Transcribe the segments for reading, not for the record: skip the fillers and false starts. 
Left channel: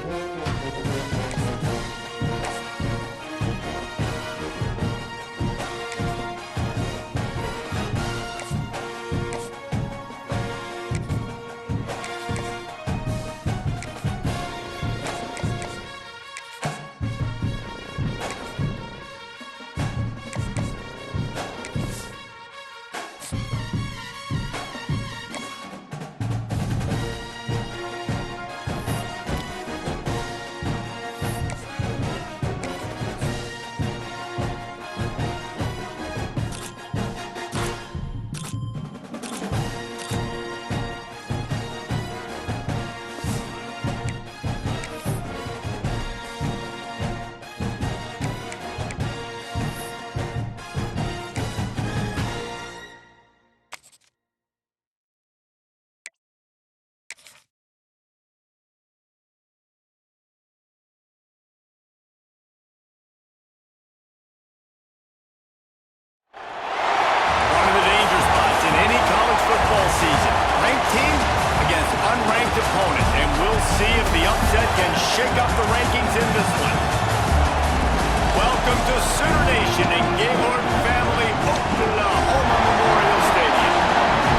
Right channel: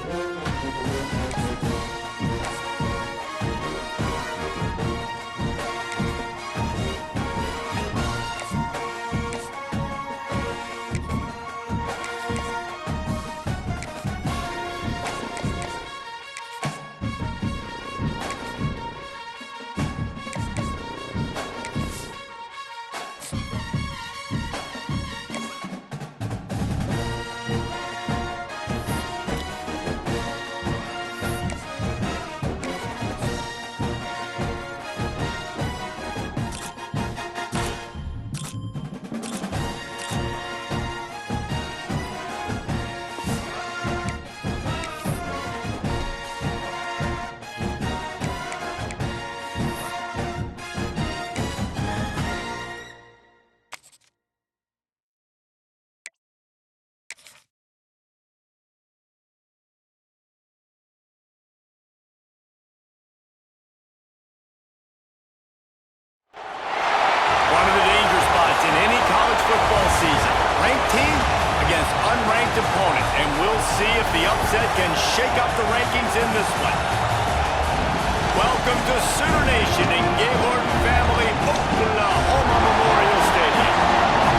One of the danger spots in any college football season. Ranked team against unranked opponent. And we'll see if the upset can shake up the rankings in this one. Welcome to Sooner Nation in Gaylord Family Oklahoma Memorial Stadium.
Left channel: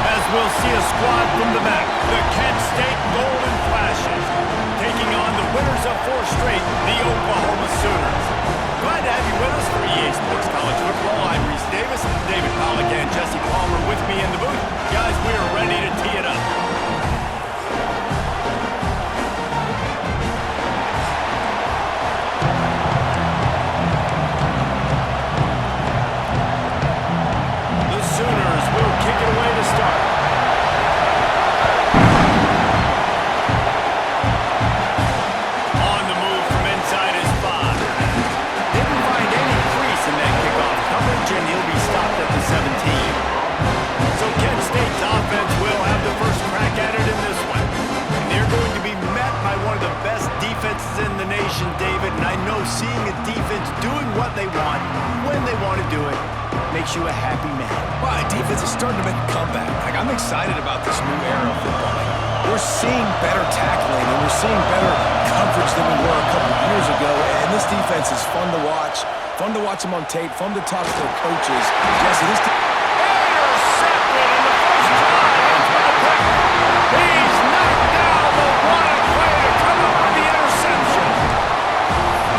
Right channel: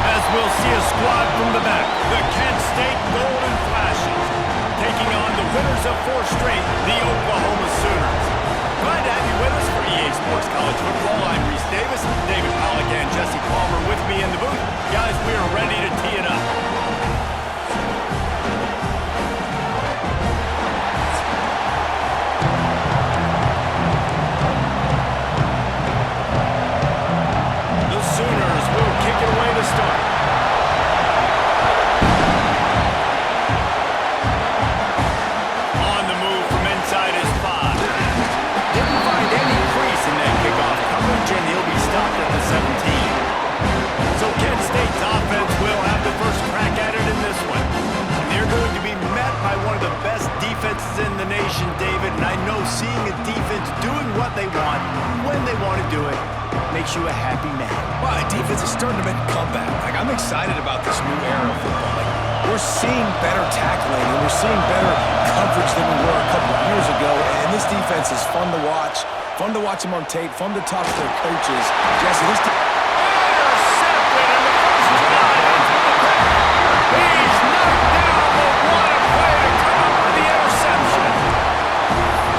As we'll see a squad from the back, the Kent State Golden Flashes, taking on the winners of 4 straight, the Oklahoma Sooners. Glad to have you with us for EA Sports College Football. I'm Reese Davis, David Pollack, and Jesse Palmer with me in the booth. Guys, we are ready to tee it up. The Sooners will kick it away to start. On the move from inside his 5. Didn't find any crease in that kickoff coverage, and he'll be stopped at the 17. So Kent State's offense will have the first crack at it in this one. And they're going to be met by one of the best defenses in the nation, David. And I know seeing a defense doing what they want, when they want to do it, makes you a happy man. Well, defense is starting to make a comeback. I'm excited about this new era of football. We're seeing better tackling, and we're seeing better coverage than we were a couple of years ago. And this defense is fun to watch them on tape, fun to talk to their coaches. Jesse, this intercepted in the first drive into the pick. He's knocked down, but what a play to come up with the interception.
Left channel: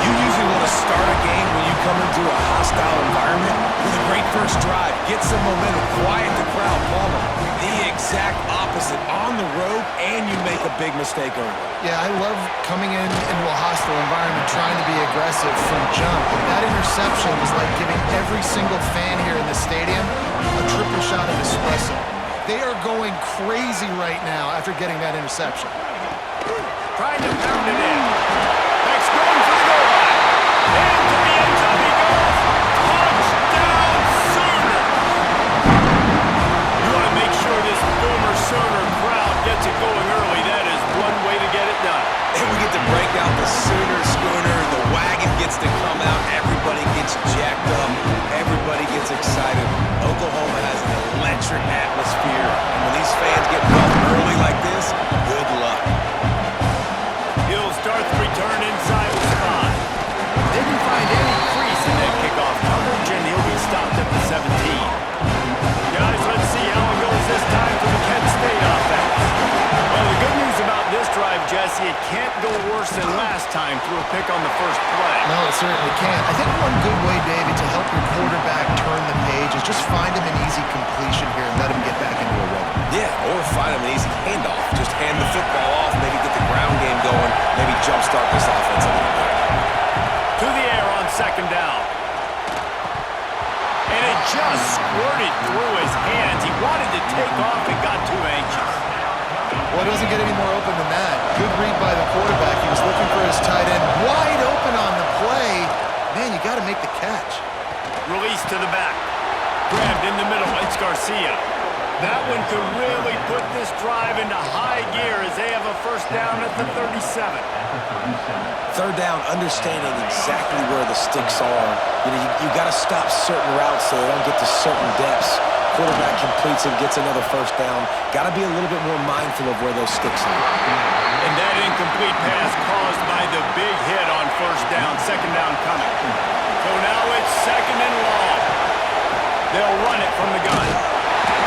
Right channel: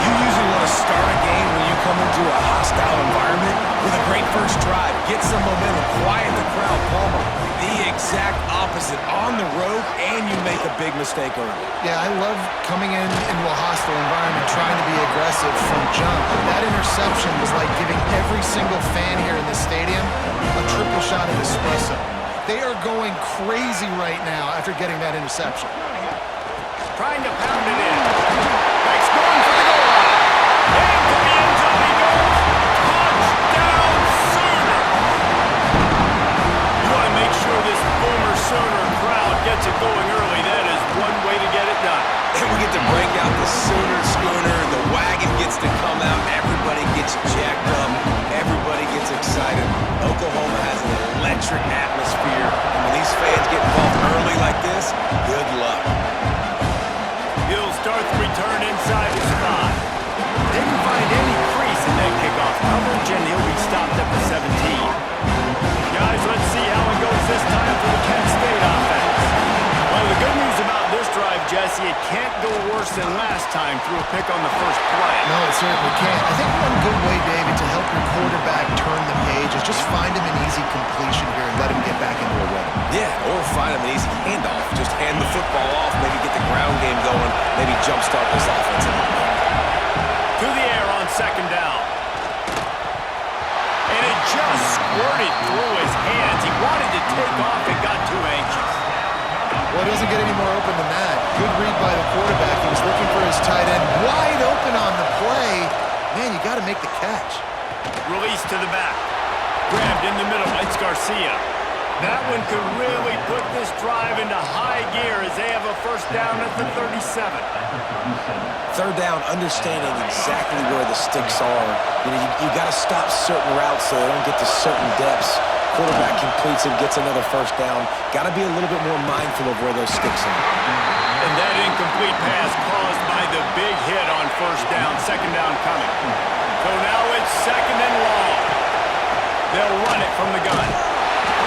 You usually want to start a game when you come into a hostile environment with a great first drive. Get some momentum, quiet the crowd. Palmer, the exact opposite. On the road, and you make a big mistake early. Yeah, I love coming into a hostile environment, trying to be aggressive from jump. That interception was like giving every single fan here in the stadium a triple shot of espresso. They are going crazy right now after getting that interception. Trying to pound it in. Beck's going for the goal line. Into the end zone he goes. Touchdown, Sooners! You want to make sure this Boomer Sooner crowd gets it going early. That is one way to get it done. And we get to break out the Sooner schooner. The wagon gets to come out. Everybody gets jacked up. Everybody gets excited. Oklahoma has an electric atmosphere. And when these fans get involved early like this, good luck. He'll start the return inside his 5. Didn't find any crease in that kickoff coverage, and he'll be stopped at the 17. Guys, let's see how it goes this time for the Kent State offense. Well, the good news about this drive, Jesse, it can't go worse than last time through a pick on the first play. No, it certainly can't. I think one good way, David, to help your quarterback turn the page is just find him an easy completion here and let him get back into a rhythm. Yeah, or find him an easy handoff. Just hand the football off, maybe get the ground game going, maybe jumpstart this offense a little bit. To the air on second down. And it just squirted through his hands. He wanted to take off and got too anxious. Well, it doesn't get any more open than that. Good read by the quarterback. He was looking for his tight end. Wide open on the play. Man, you got to make the catch. Release to the back. Grabbed in the middle. It's Garcia. That one could really put this drive into high gear as they have a first down at the 37. Third down, understanding exactly where the sticks are. You got to stop certain routes so they don't get to certain depths. Quarterback completes it, gets another first down. Got to be a little bit more mindful of where those sticks are. And that incomplete pass caused by the big hit on first down, second down coming. So now it's second and long. They'll run it from the gun.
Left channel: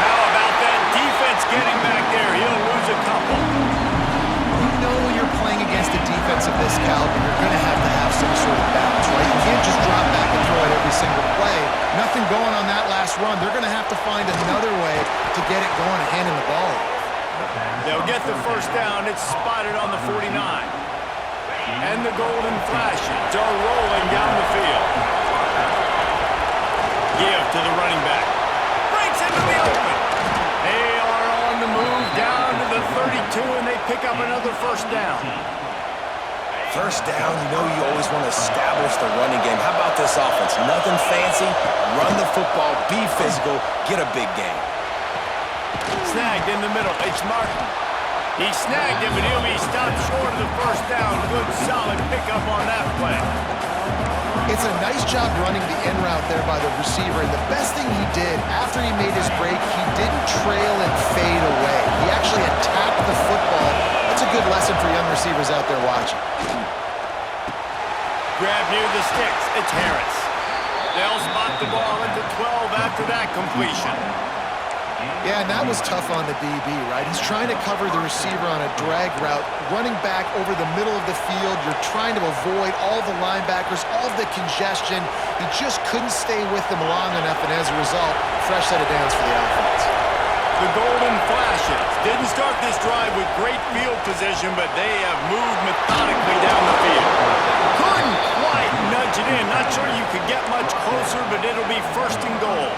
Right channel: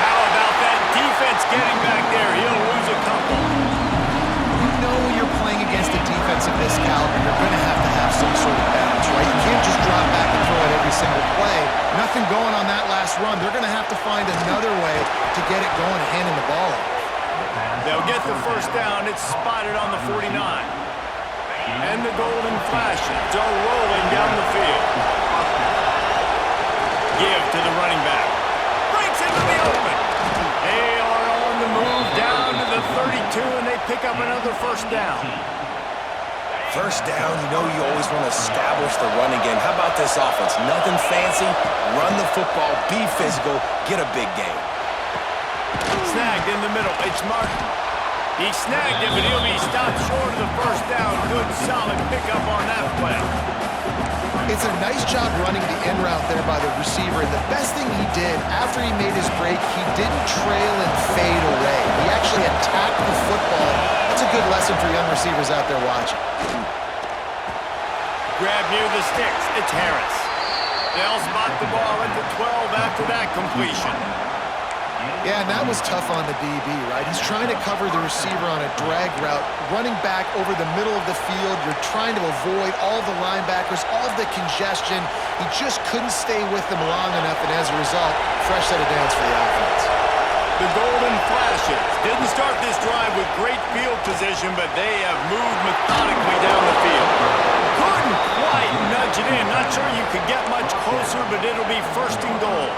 How about that defense getting back there? He'll lose a couple. You know when you're playing against a defense of this caliber, you're going to have some sort of balance, right? You can't just drop back and throw it every single play. Nothing going on that last run. They're going to have to find another way to get it going and handing the ball off. They'll get the first down. It's spotted on the 49. And the golden flashes are rolling down the field. Give to the running back. Breaks into the open. They are on the move down to the 32, and they pick up another first down. First down, you know you always want to establish the running game. How about this offense? Nothing fancy. Run the football, be physical, get a big gain. Snagged in the middle. It's Martin. He snagged it, but he'll be stopped short of the first down. Good, solid pickup on that play. It's a nice job running the in route there by the receiver, and the best thing he did after he made his break, he didn't trail and fade away. He actually attacked the football. That's a good lesson for young receivers out there watching. Grab near the sticks. It's Harris. They'll spot the ball at the 12 after that completion. Yeah, and that was tough on the DB, right? He's trying to cover the receiver on a drag route, running back over the middle of the field. You're trying to avoid all the linebackers, all the congestion. He just couldn't stay with them long enough, and as a result, fresh set of downs for the offense. The golden flashes didn't start this drive with great field position, but they have moved methodically down the field. Couldn't quite nudge it in. Not sure you could get much closer, but it'll be first and goal.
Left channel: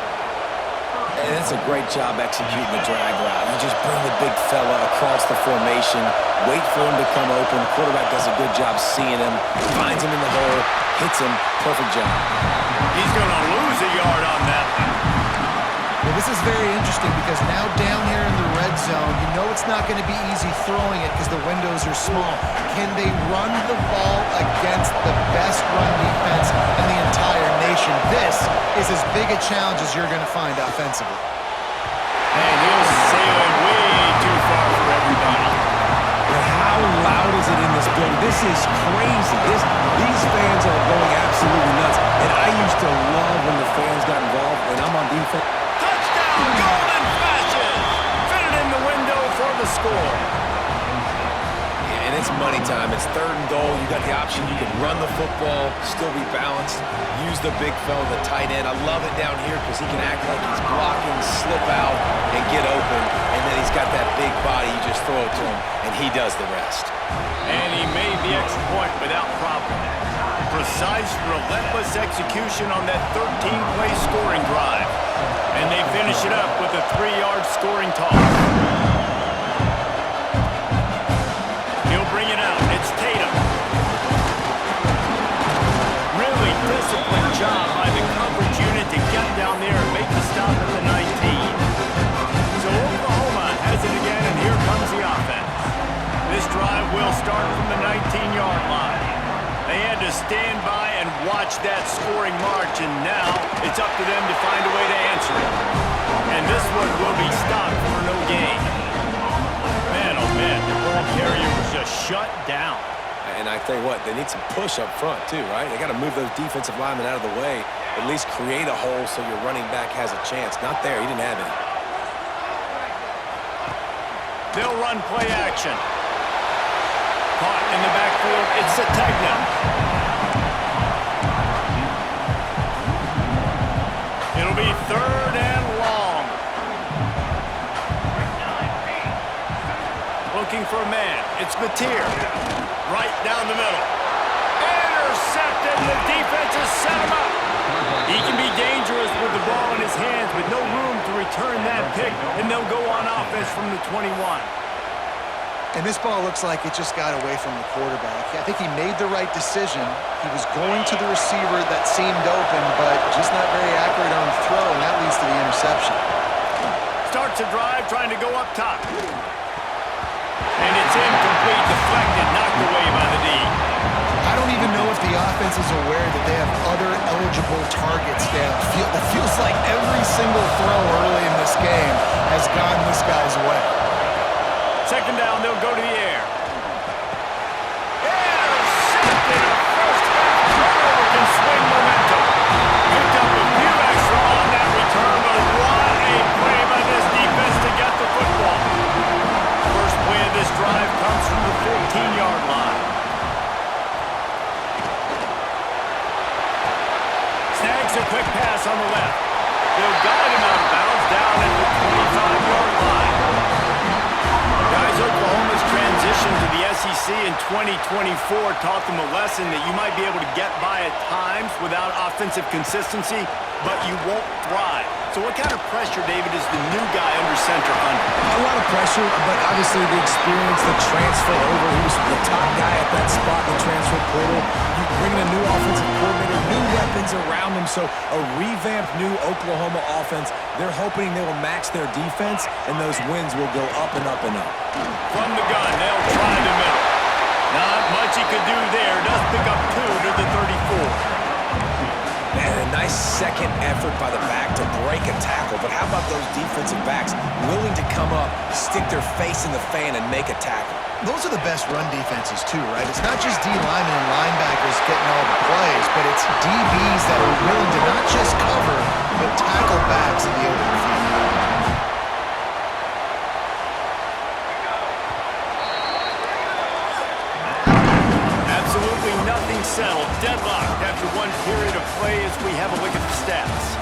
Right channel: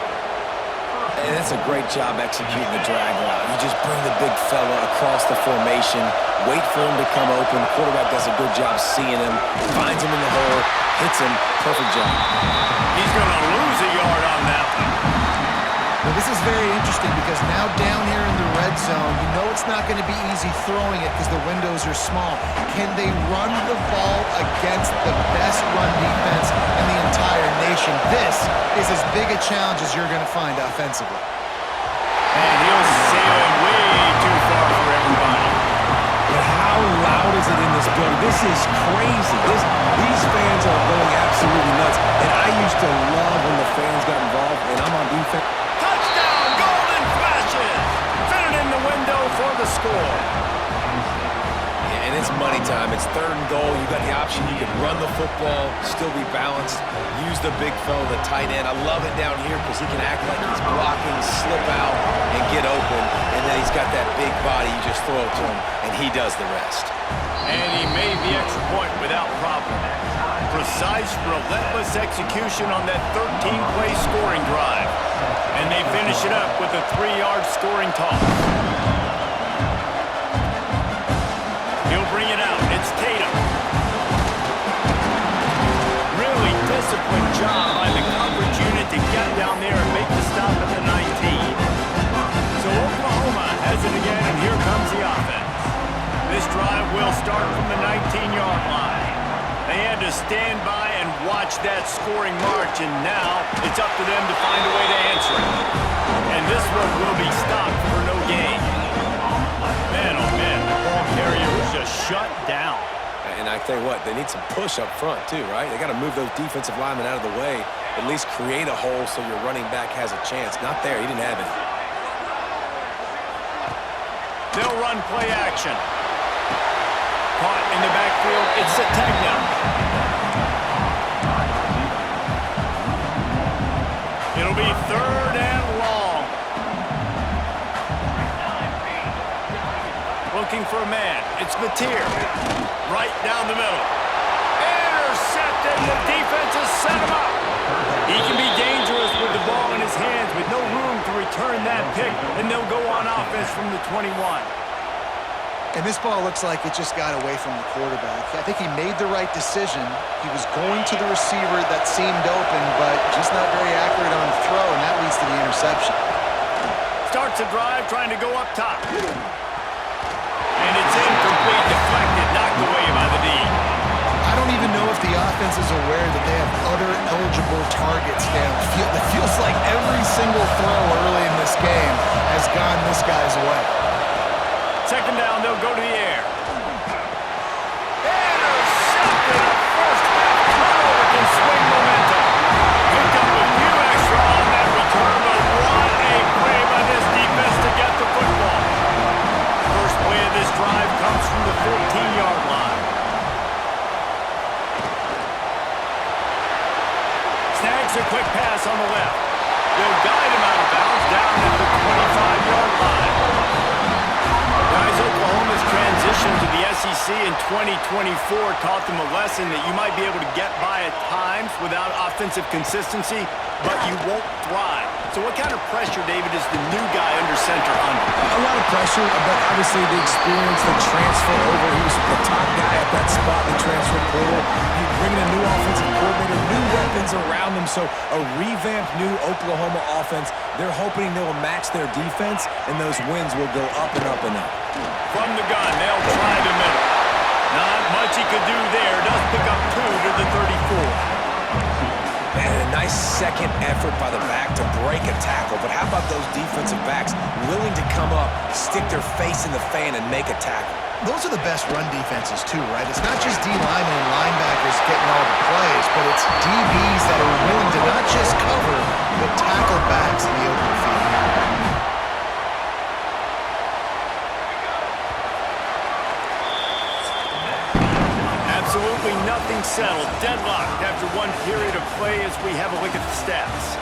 And that's a great job executing the drag route. You just bring the big fella across the formation, wait for him to come open. The quarterback does a good job seeing him, finds him in the hole, hits him. Perfect job. He's going to lose a yard on that one. Well, this is very interesting because now down here in the red zone, you know it's not going to be easy throwing it because the windows are small. Can they run the ball against the best run defense in the entire nation? This is as big a challenge as you're going to find offensively. And he'll sail it way too far for everybody. But how loud is it in this building? This is crazy. These fans are going absolutely nuts. And I used to love when the fans got involved, and I'm on defense. Touchdown, golden flashes. Fit it in the window for the score. Yeah, and it's money time. It's third and goal. You got the option. You can run the football, still be balanced, use the big fella, the tight end. I love it down here because he can act like he's blocking, slip out, and get open. And then he's got that big body. You just throw it to him, and he does the rest. And he made the extra point without problem. Precise, relentless execution on that 13-play scoring drive. And they finish it up with a 3-yard scoring toss. He'll bring it out. It's Tatum. Really disciplined job by the coverage unit to get down there and make the stop at the 19. So Oklahoma has it again, and here comes the offense. This drive will start from the 19-yard line. They had to stand by and watch that scoring march, and now it's up to them to find a way to answer it. And this one will be stopped for no gain. Man, oh man, the ball carrier was just shut down. And I tell you what, they need some push up front too, right? They got to move those defensive linemen out of the way, at least create a hole so your running back has a chance. Not there, he didn't have any. They'll run play action. Caught in the backfield, it's Sategna. It'll be third and long. Looking for a man, it's Mateer. Right down the middle. Intercepted, the defense has set him up. He can be dangerous with the ball in his hands, with no room to return that pick, and they'll go on offense from the 21. And this ball looks like it just got away from the quarterback. I think he made the right decision. He was going to the receiver that seemed open, but just not very accurate on the throw, and that leads to the interception. Starts a drive trying to go up top. And it's incomplete, deflected, knocked away by the D. I don't even know if the offense is aware that they have other eligible targets downfield. It feels like every single throw early in this game has gone this guy's way. Second down, they'll go to the air. Intercepted. A first-half turnover can swing momentum. Picked up a few extra on that return, but what a play by this defense to get the football. First play of this drive comes from the 15-yard line. Snags a quick pass on the left. They'll guide him out of bounds down at the 25-yard line. Guys, Oklahoma's transition to the SEC in 2024 taught them a lesson that you might be able to get by at times without offensive consistency, but you won't thrive. So what kind of pressure, David, is the new guy under center under? A lot of pressure, but obviously the experience, the transfer over. He was the top guy at that spot in the transfer portal. You bring in a new offensive coordinator, new weapons around him, so a revamped new Oklahoma offense. They're hoping they will match their defense, and those wins will go up and up and up. From the gun, they'll try the middle. Not much he could do there. Does pick up 2 to the 34. And a nice second effort by the back to break a tackle. But how about those defensive backs willing to come up, stick their face in the fan, and make a tackle? Those are the best run defenses too, right? It's not just D linemen and linebackers getting all the plays, but it's DBs that are willing to not just cover, but tackle backs in the open field. Absolutely nothing settled. Deadlocked after one period of play as we have a look at the stats.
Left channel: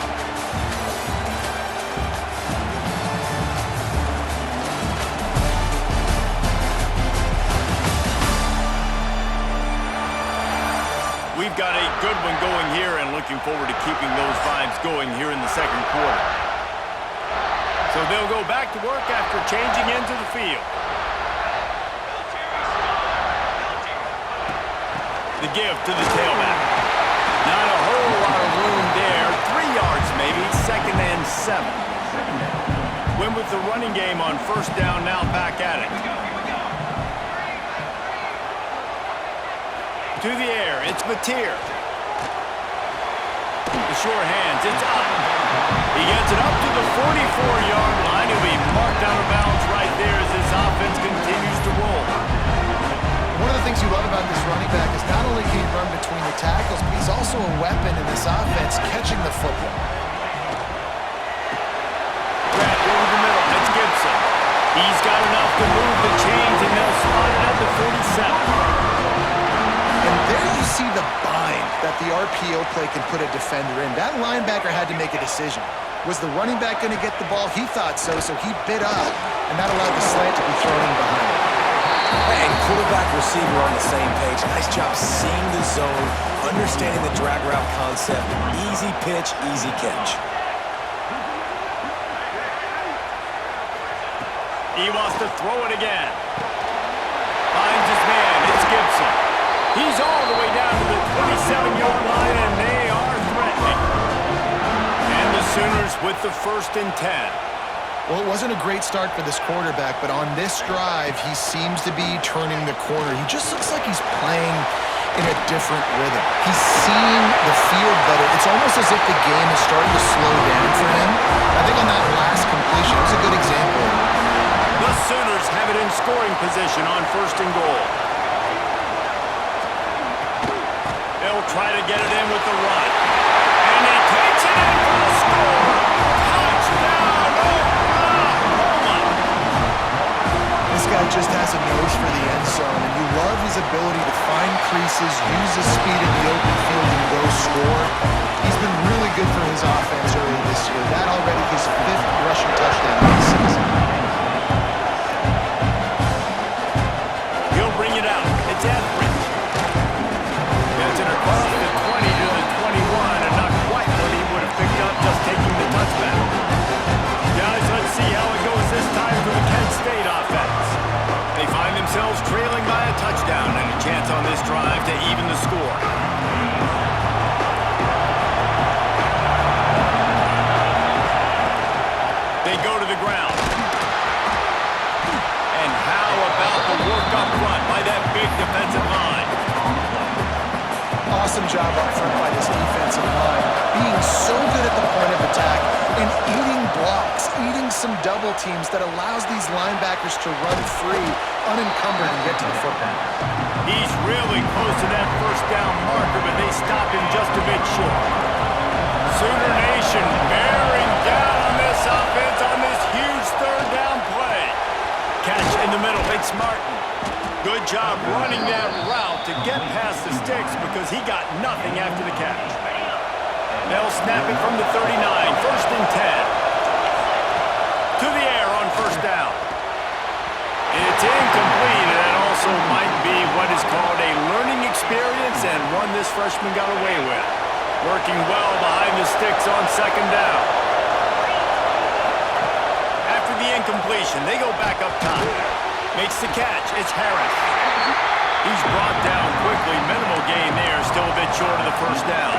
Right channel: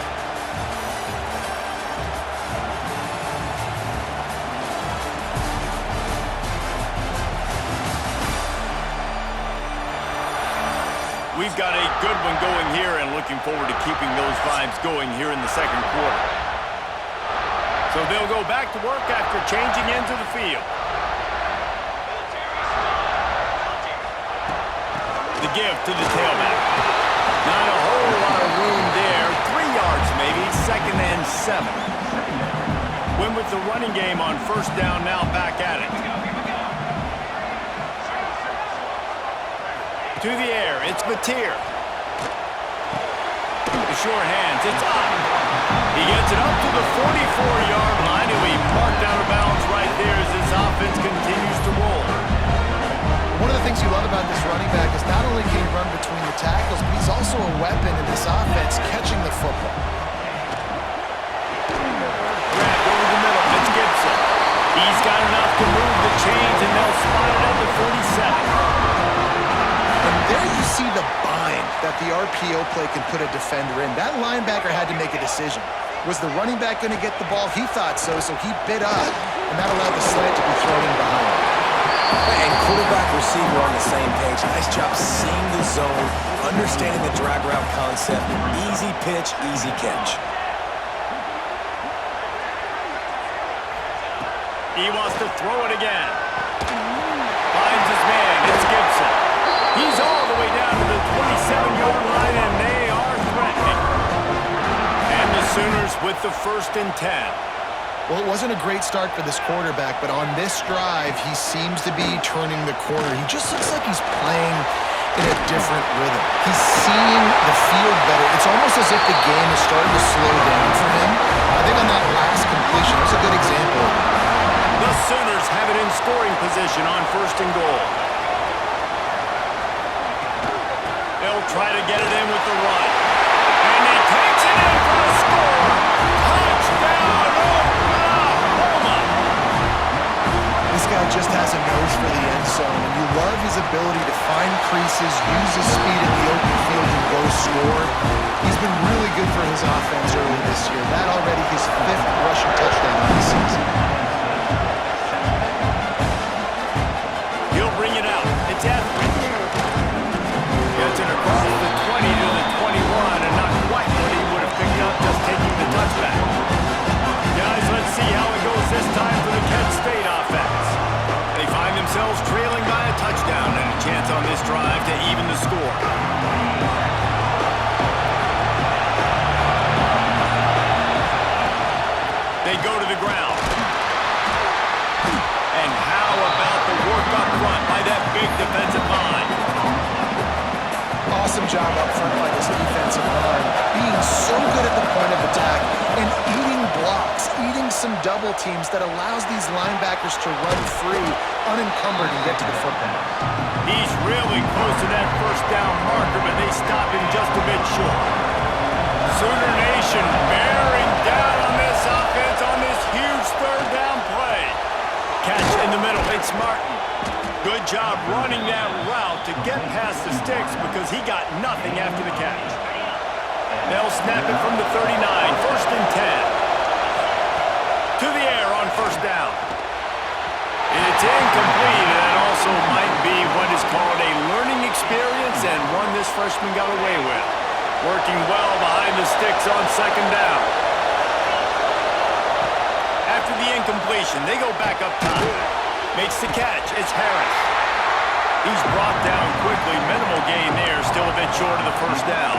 We've got a good one going here and looking forward to keeping those vibes going here in the second quarter. So they'll go back to work after changing into the field. The give to the tailback. Not a whole lot of room there. 3 yards maybe, 2nd and 7. Win with the running game on first down, now back at it. To the air, it's Mateer. The sure hands, it's up. He gets it up to the 44-yard line. He'll be marked out of bounds right there as this offense continues to roll. One of the things you love about this running back is not only can he run between the tackles, but he's also a weapon in this offense catching the football. Grabbed over the middle, it's Gibson. He's got enough to move the chains, and they'll spot it at the 47. And there you see the bind that the RPO play can put a defender in. That linebacker had to make a decision. Was the running back going to get the ball? He thought so, so he bit up, and that allowed the slant to be thrown in behind him. And quarterback, receiver on the same page. Nice job seeing the zone, understanding the drag route concept. Easy pitch, easy catch. He wants to throw it again. Finds his man. It's Gibson. He's all the way down to the 27-yard line, and they are threatening. And the Sooners with the 1st and 10. Well, it wasn't a great start for this quarterback, but on this drive, he seems to be turning the corner. He just looks like he's playing in a different rhythm. He's seeing the field better. It's almost as if the game is starting to slow down for him. I think on that last completion, it was a good example of it. The Sooners have it in scoring position on 1st and goal. They'll try to get it in with the run. And he takes it in for the score. Touchdown, Oklahoma! This guy just has a nose for the end zone, and you love his ability to find creases, use his speed in the open field, and go score. He's been really good for his offense early this year. That already his 5th rushing touchdown of the season. He'll bring it out. It's Etheridge. Gets it across the 20 to the 21, and not quite what he would have picked up just taking the touchback. Guys, let's see how it goes this time for the Kent State offense. They find themselves trailing by a touchdown and a chance on this drive to even the score. They go to the ground. And how about the work up front by that big defensive line? awesome job up front by this defensive line, being so good at the point of attack and eating blocks, eating some double teams that allows these linebackers to run free, unencumbered, and get to the football. He's really close to that first down marker, but they stop him just a bit short. Sooner Nation bearing down on this offense on this huge third down play. Catch in the middle. It's Martin. Good job running that route to get past the sticks because he got nothing after the catch. They'll snap it from the 39. First and 10. To the air on first down. It's incomplete, and that also might be what is called a learning experience and one this freshman got away with. Working well behind the sticks on second down. After the incompletion, they go back up top. Makes the catch. It's Harris. He's brought down quickly. Minimal gain there. Still a bit short of the first down.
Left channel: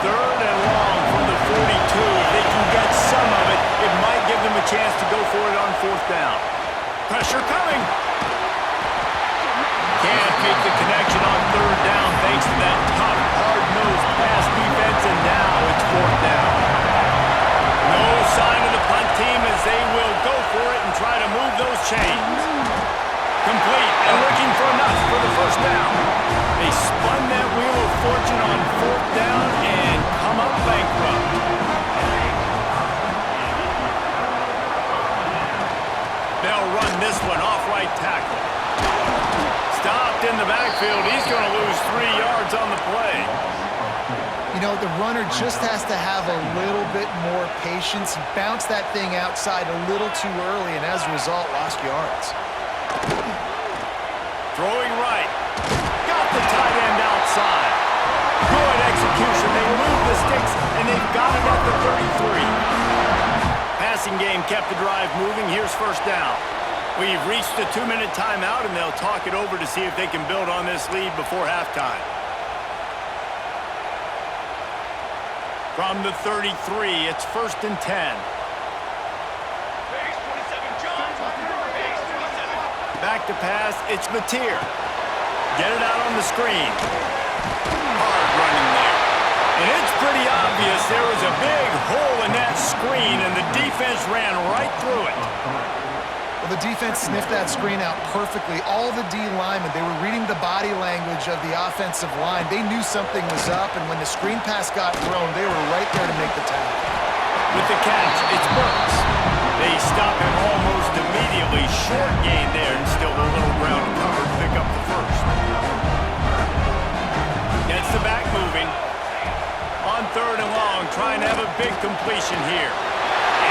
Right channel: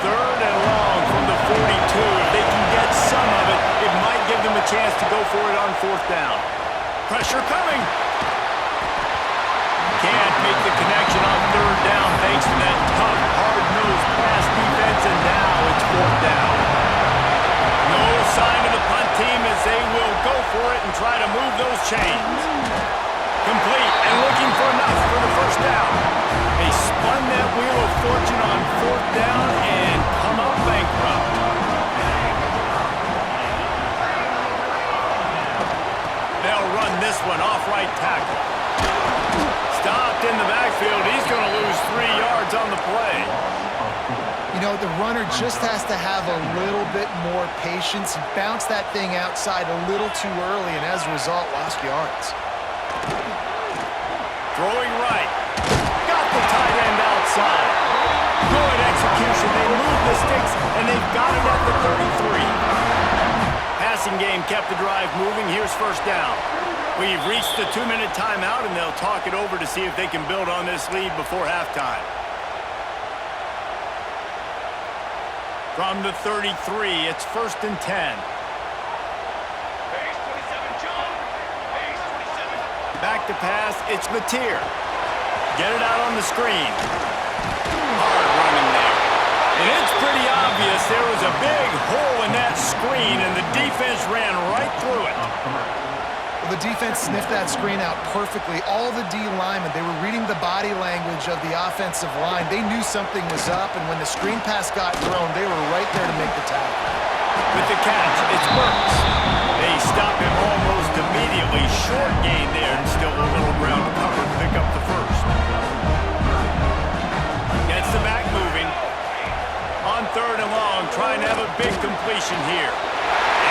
Third and long from the 42. If they can get some of it, it might give them a chance to go for it on fourth down. Pressure coming. Can't make the connection on third down thanks to that tough, hard-nosed pass defense, and now it's fourth down. No sign of the punt team as they will go for it and try to move those chains. Complete and looking for enough for the first down. They spun that wheel of fortune on fourth down and come up bankrupt. They'll run this one off right tackle. Stopped in the backfield. He's going to lose 3 yards on the play. You know, the runner just has to have a little bit more patience. He bounced that thing outside a little too early, and as a result, lost yards. Throwing right. Got the tight end outside. Good execution. They move the sticks, and they've got it at the 33. Passing game kept the drive moving. Here's first down. We've reached the 2-minute timeout, and they'll talk it over to see if they can build on this lead before halftime. From the 33, it's first and 10. Base 27, John. Base 27. Back to pass, it's Mateer. Get it out on the screen. Hard running there. And it's pretty obvious there was a big hole in that screen, and the defense ran right through it. Well, the defense sniffed that screen out perfectly. All the D linemen, they were reading the body language of the offensive line. They knew something was up, and when the screen pass got thrown, they were right there to make the tackle. With the catch, it's Burks. They stop him almost immediately. Short gain there, and still a little ground to cover to pick up the first. Gets the back moving. On third and long, trying to have a big completion here.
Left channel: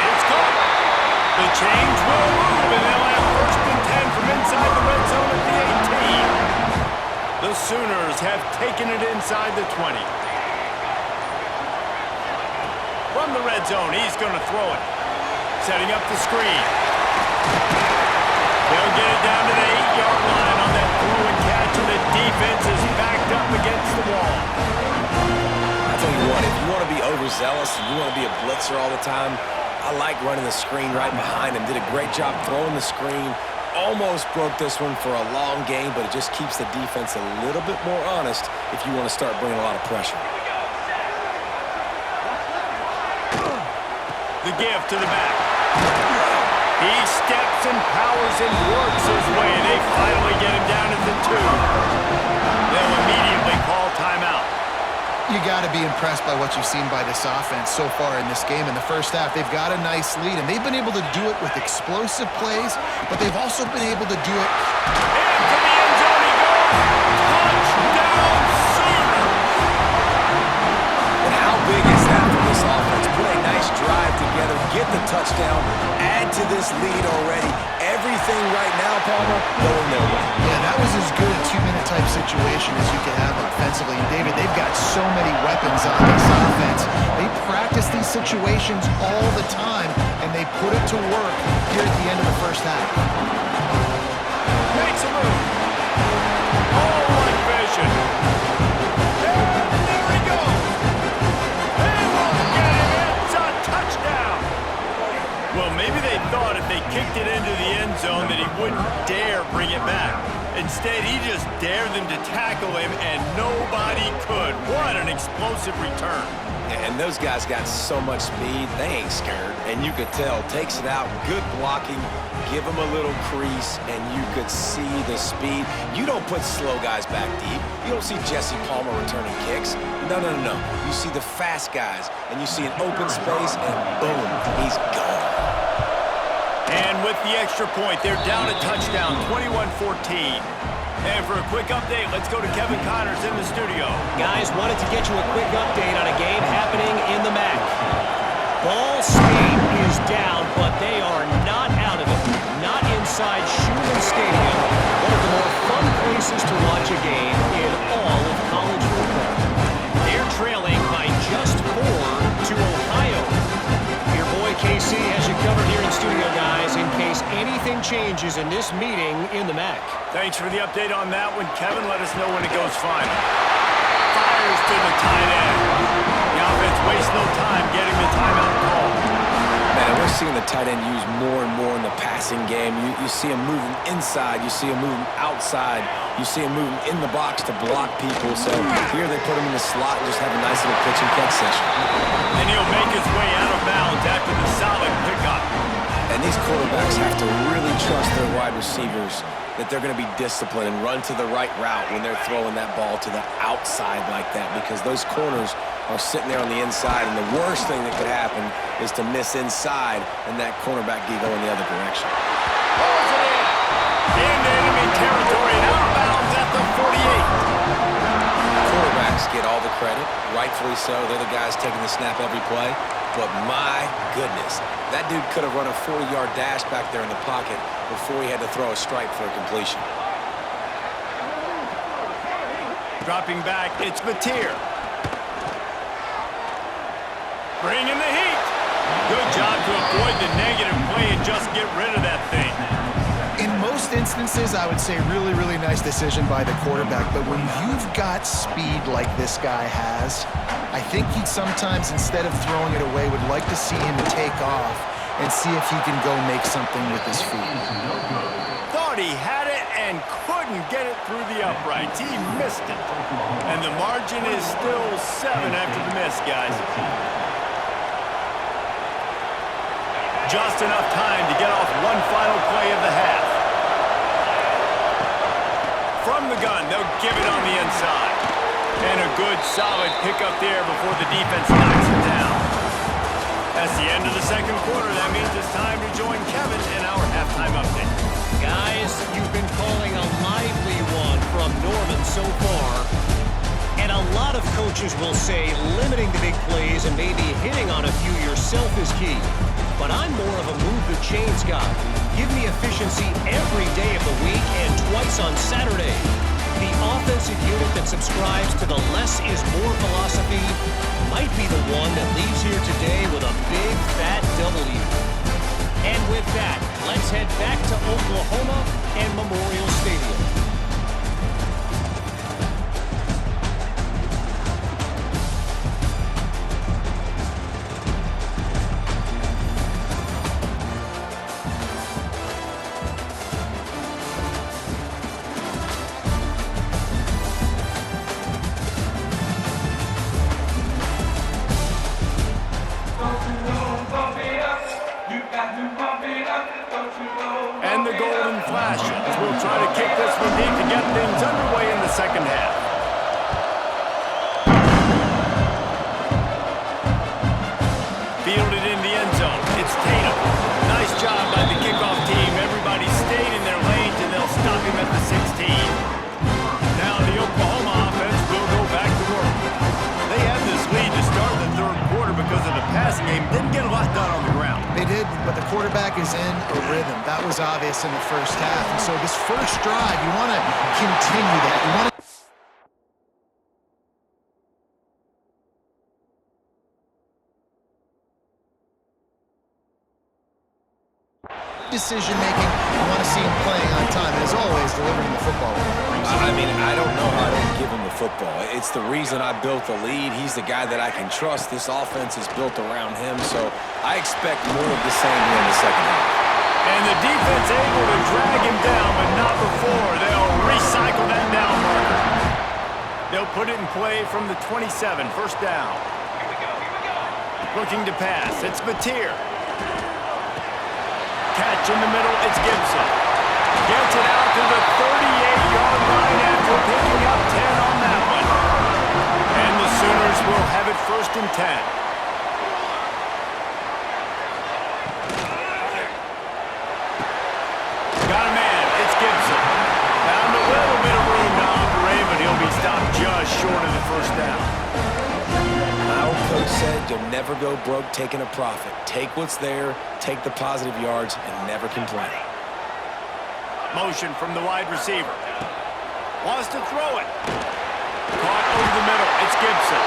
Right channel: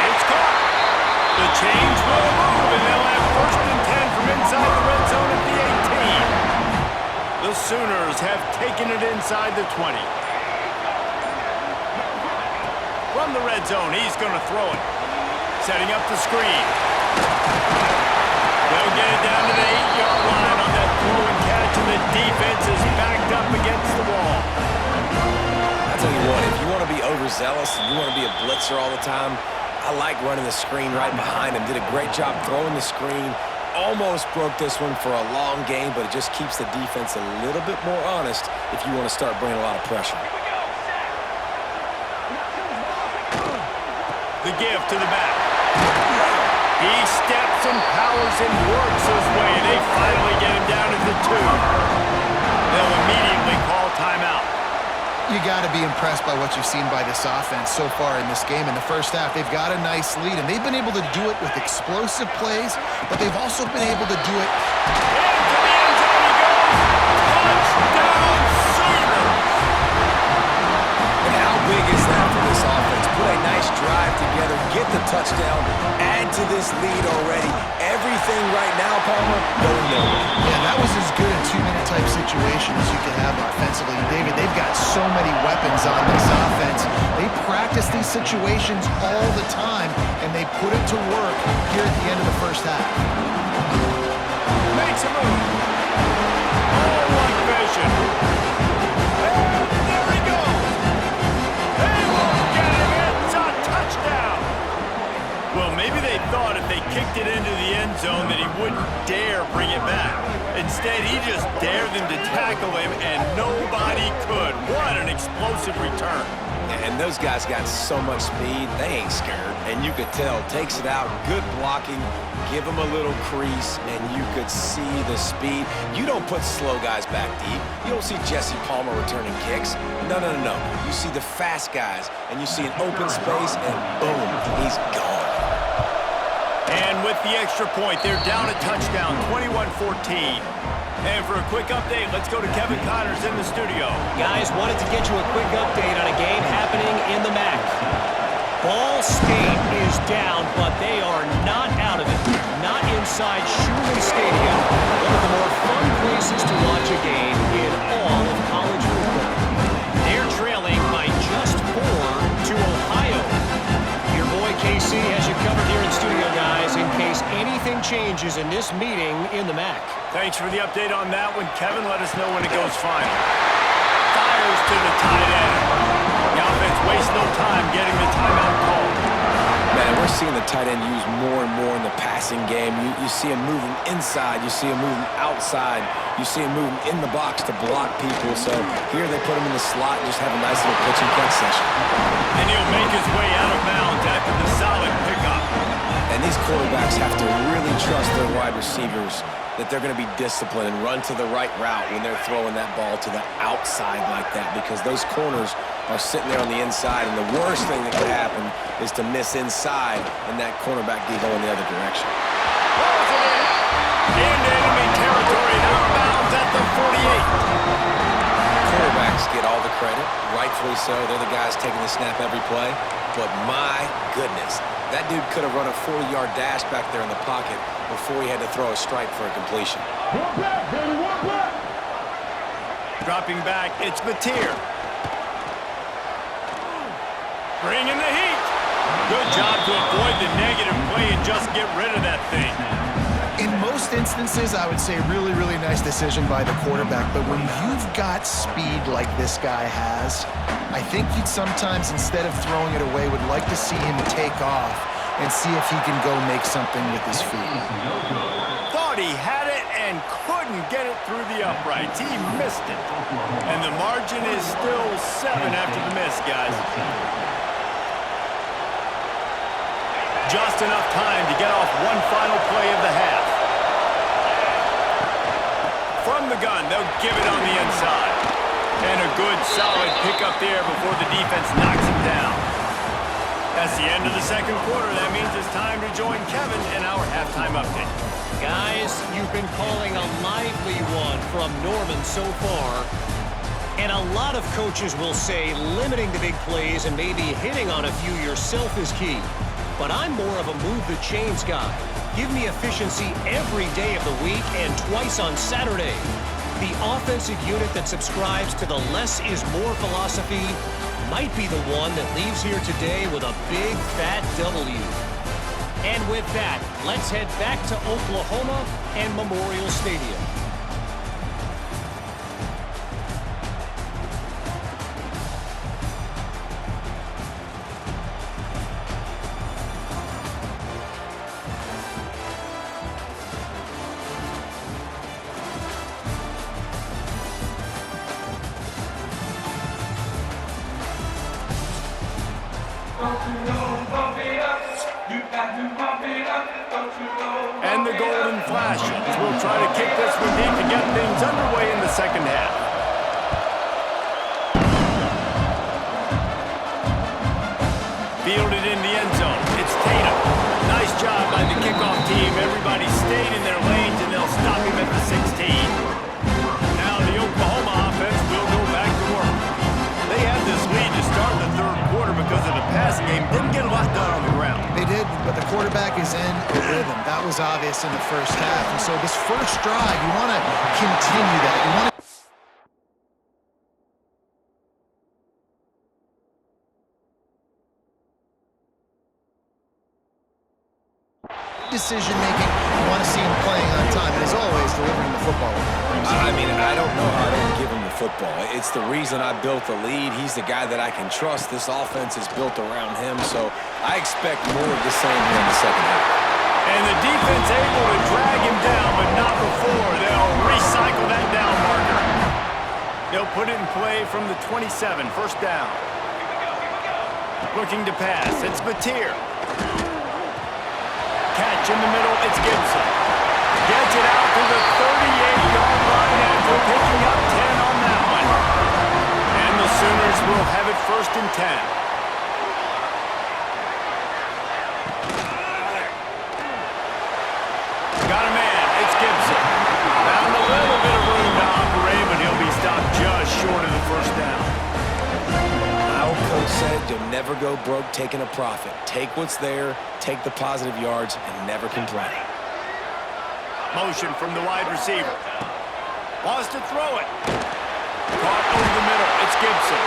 It's caught. The change will move, and they'll have first and 10 from inside the red zone at the 18. The Sooners have taken it inside the 20. From the red zone, he's going to throw it. Setting up the screen. They'll get it down to the 8-yard line on that throw and catch, and the defense is backed up against the wall. I tell you what, if you want to be overzealous and you want to be a blitzer all the time, I like running the screen right behind him. Did a great job throwing the screen. Almost broke this one for a long game, but it just keeps the defense a little bit more honest if you want to start bringing a lot of pressure. The give to the back. He steps and powers and works his way. They finally get him down at the 2. They'll immediately call timeout. You got to be impressed by what you've seen by this offense so far in this game. In the first half, they've got a nice lead, and they've been able to do it with explosive plays, but they've also been able to do it. Into the end zone he goes. Touchdown, Sooners! And how big is that for this offense? Put a nice drive together, get the touchdown, add to this lead already. Everything right now, Palmer, going their way. Yeah, that was as good a 2-minute type situation as you could have offensively. David, they've got so many weapons on this offense. They practice these situations all the time, and they put it to work here at the end of the first half. Makes a move. All one vision. And there he goes. They won't get him. It's a touchdown. Well, maybe they thought if they kicked it into the end zone that he wouldn't dare bring it back. Instead, he just dared them to tackle him, and nobody could. What an explosive return. And those guys got so much speed, they ain't scared. And you could tell, takes it out, good blocking, give them a little crease, and you could see the speed. You don't put slow guys back deep. You don't see Jesse Palmer returning kicks. No, no, no, no. You see the fast guys, and you see an open space, and boom, he's gone. And with the extra point, they're down a touchdown, 21-14. And for a quick update, let's go to Kevin Connors in the studio. Guys, wanted to get you a quick update on a game happening in the MAC. Ball State is down, but they are not out of it. Not inside Schumann Stadium, one of the more fun places to watch a game in all of college football. They're trailing by just 4 to Ohio. Your boy KC has you covered here in studio, guys, in case anything changes in this meeting in the MAC. Thanks for the update on that one, Kevin. Let us know when it goes final. Fires to the tight end. The offense wastes no time getting the timeout call. Man, we're seeing the tight end used more and more in the passing game. You see him moving inside. You see him moving outside. You see him moving in the box to block people. So here they put him in the slot and just have a nice little pitch and catch session. And he'll make his way out of bounds after the solid pickup. And these quarterbacks have to really trust their wide receivers that they're going to be disciplined and run to the right route when they're throwing that ball to the outside like that, because those corners are sitting there on the inside, and the worst thing that could happen is to miss inside and that cornerback be going the other direction. Pulls it in. Into enemy territory and out of bounds at the 48. Quarterbacks get all the credit, rightfully so. They're the guys taking the snap every play. But my goodness, that dude could have run a 40-yard dash back there in the pocket before he had to throw a strike for a completion. Dropping back, it's Mateer. Bringing the heat. Good job to avoid the negative play and just get rid of that thing. In most instances, I would say really, really nice decision by the quarterback. But when you've got speed like this guy has, I think you'd sometimes, instead of throwing it away, would like to see him take off and see if he can go make something with his feet. Thought he had it and couldn't get it through the uprights. He missed it. And the margin is still 7 after the miss, guys. Just enough time to get off one final play of the half. From the gun, they'll give it on the inside. And a good, solid pickup there before the defense knocks him down. That's the end of the second quarter. That means it's time to join Kevin in our halftime update. Guys, you've been calling a lively one from Norman so far. And a lot of coaches will say limiting the big plays and maybe hitting on a few yourself is key. But I'm more of a move the chains guy. Give me efficiency every day of the week and twice on Saturday. The offensive unit that subscribes to the less is more philosophy might be the one that leaves here today with a big fat W. And with that, let's head back to Oklahoma and Memorial Stadium. And the Golden Flashes will try to kick this one deep to get things underway in the second half. Fielded in the end zone. It's Tatum. Nice job by the kickoff team. Everybody stayed in their lanes, and they'll stop him at the 16. Now the Oklahoma offense will go back to work. They had this lead to start the third quarter because of the passing game. Didn't get a lot done on the ground. They did, but the quarterback is in a rhythm. That was obvious in the first half. And so this first drive, you want to continue that. You want to decision-making. You want to see him playing on time. And as always, delivering the football. I mean, I don't know how I don't give him the football. It's the reason I built the lead. He's the guy that I can trust. This offense is built around him, so I expect more of the same here in the second half. And the defense able to drag him down, but not before. They'll They'll put it in play from the 27, first down. Here we go, here we go. Looking to pass, it's Mateer. Catch in the middle, it's Gibson. Gets it out to the 38-yard line after picking up 10 on that one. And the Sooners will have it first and 10. Got a man, it's Gibson. Found a little bit of room to operate, but he'll be stopped just short of the first down. My old coach said you'll never go broke taking a profit. Take what's there, take the positive yards, and never complain. Motion from the wide receiver. Wants to throw it. Caught over the middle, it's Gibson.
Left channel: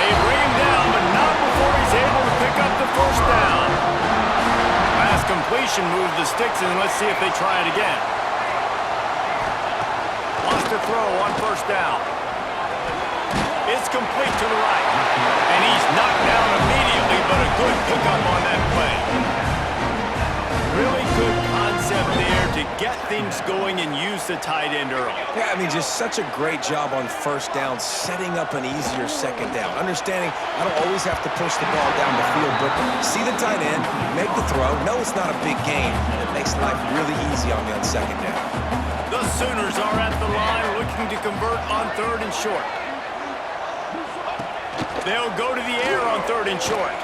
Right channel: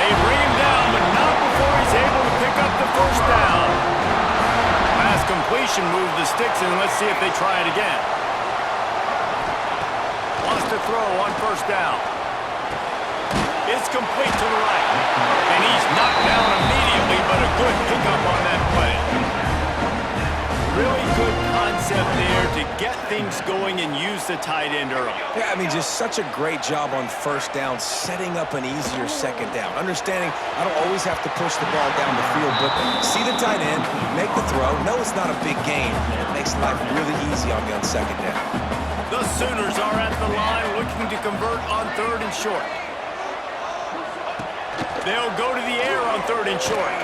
They bring him down, but not before he's able to pick up the first down. Last completion moved the sticks, and let's see if they try it again. Wants to throw on first down. It's complete to the right. And he's knocked down immediately, but a good pickup on that play. Really good concept there to get things going and use the tight end early. Yeah, I mean, just such a great job on first down, setting up an easier second down. Understanding I don't always have to push the ball down the field, but see the tight end, make the throw. No, it's not a big gain. It makes life really easy on me on second down. The Sooners are at the line looking to convert on third and short. They'll go to the air on third and short.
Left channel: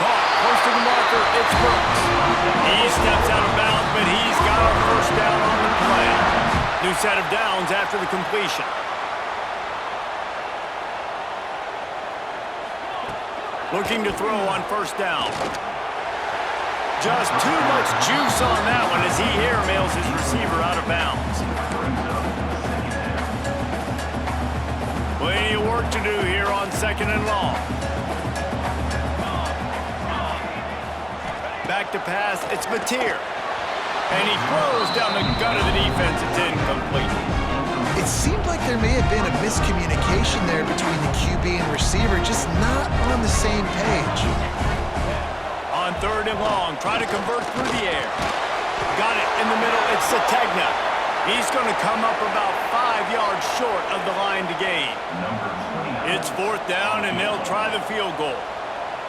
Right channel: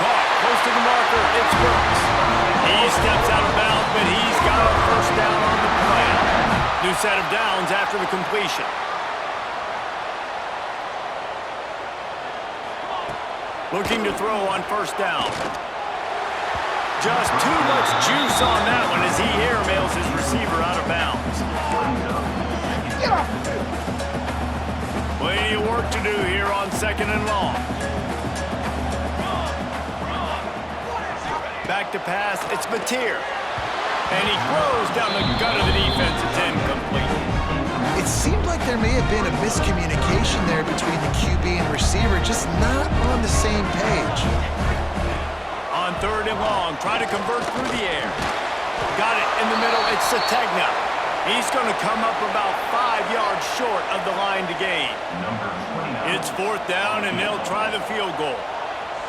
Caught close to the marker, it's Burks. He steps out of bounds, but he's got a first down on the play. New set of downs after the completion. Looking to throw on first down. Just too much juice on that one as he airmails his receiver out of bounds. Plenty of work to do here on second and long. Back to pass, it's Mateer. And he throws down the gut of the defense. It's incomplete. It seemed like there may have been a miscommunication there between the QB and receiver, just not on the same page. On third and long, try to convert through the air. Got it in the middle, it's Sategna. He's going to come up about 5 yards short of the line to gain. It's fourth down, and they'll try the field goal.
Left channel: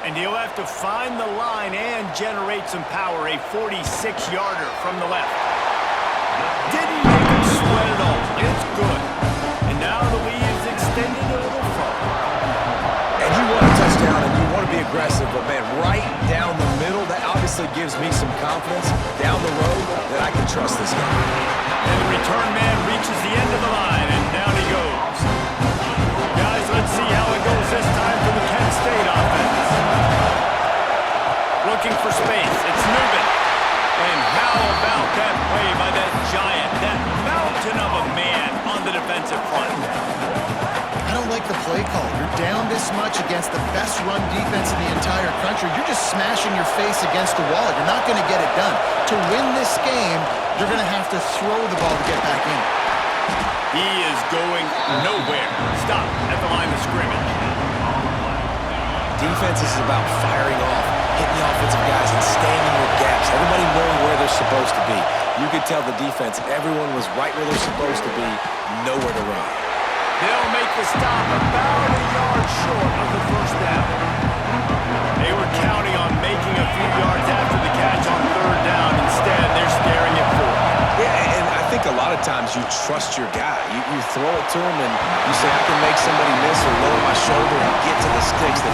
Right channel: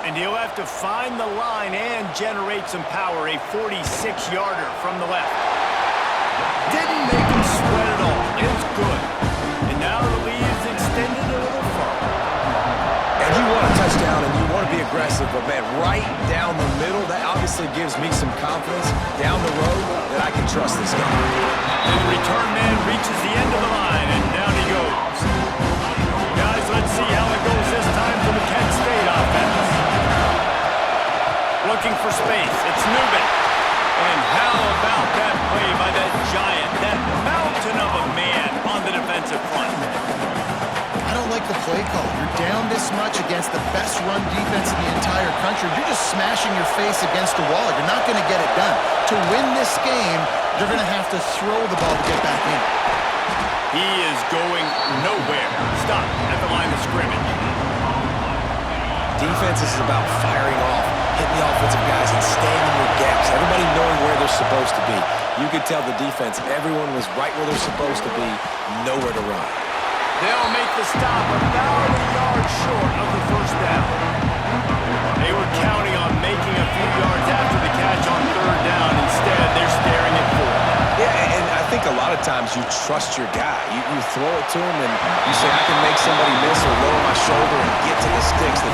And he'll have to find the line and generate some power, a 46-yarder from the left. Didn't make him sweat at all. It's good. And now the lead is extended a little further. And you want a touchdown and you want to be aggressive, but man, right down the middle, that obviously gives me some confidence down the road that I can trust this guy. And the return man reaches the end of the line, and down he goes. Guys, let's see how it goes this time for the Kent State offense. Looking for space, it's Newman. And how about that play by that giant, that mountain of a man on the defensive front? I don't like the play call. You're down this much against the best run defense in the entire country. You're just smashing your face against the wall. You're not going to get it done. To win this game, you're going to have to throw the ball to get back in. He is going nowhere. Stop at the line of scrimmage. Defense is about firing off, hitting the offensive guys and staying in your gaps. Everybody knowing where they're supposed to be. You could tell the defense, everyone was right where they're supposed to be, nowhere to run. They'll make the stop about a yard short of the first down. They were counting on making a few yards after the catch on third down. Instead, they're staring at fourth. Yeah, and I think a lot of times you trust your guy. You throw it to him and you say, I can make somebody miss or lower my shoulder and get to the sticks.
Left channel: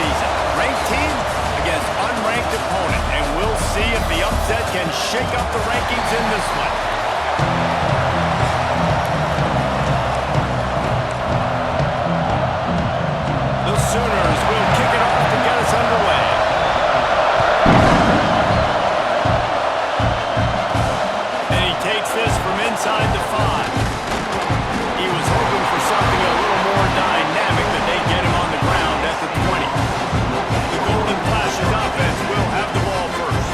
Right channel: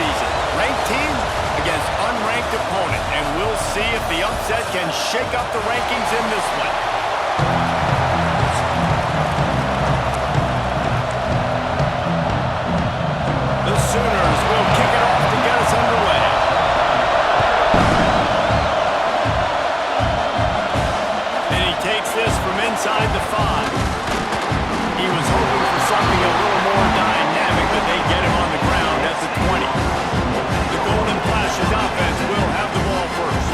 season. Ranked team against unranked opponent, and we'll see if the upset can shake up the rankings in this one. The Sooners will kick it off to get us underway. And he takes this from inside the 5. He was hoping for something a little more dynamic, but they get him on the ground at the 20. The Golden Flashes offense will have the ball first.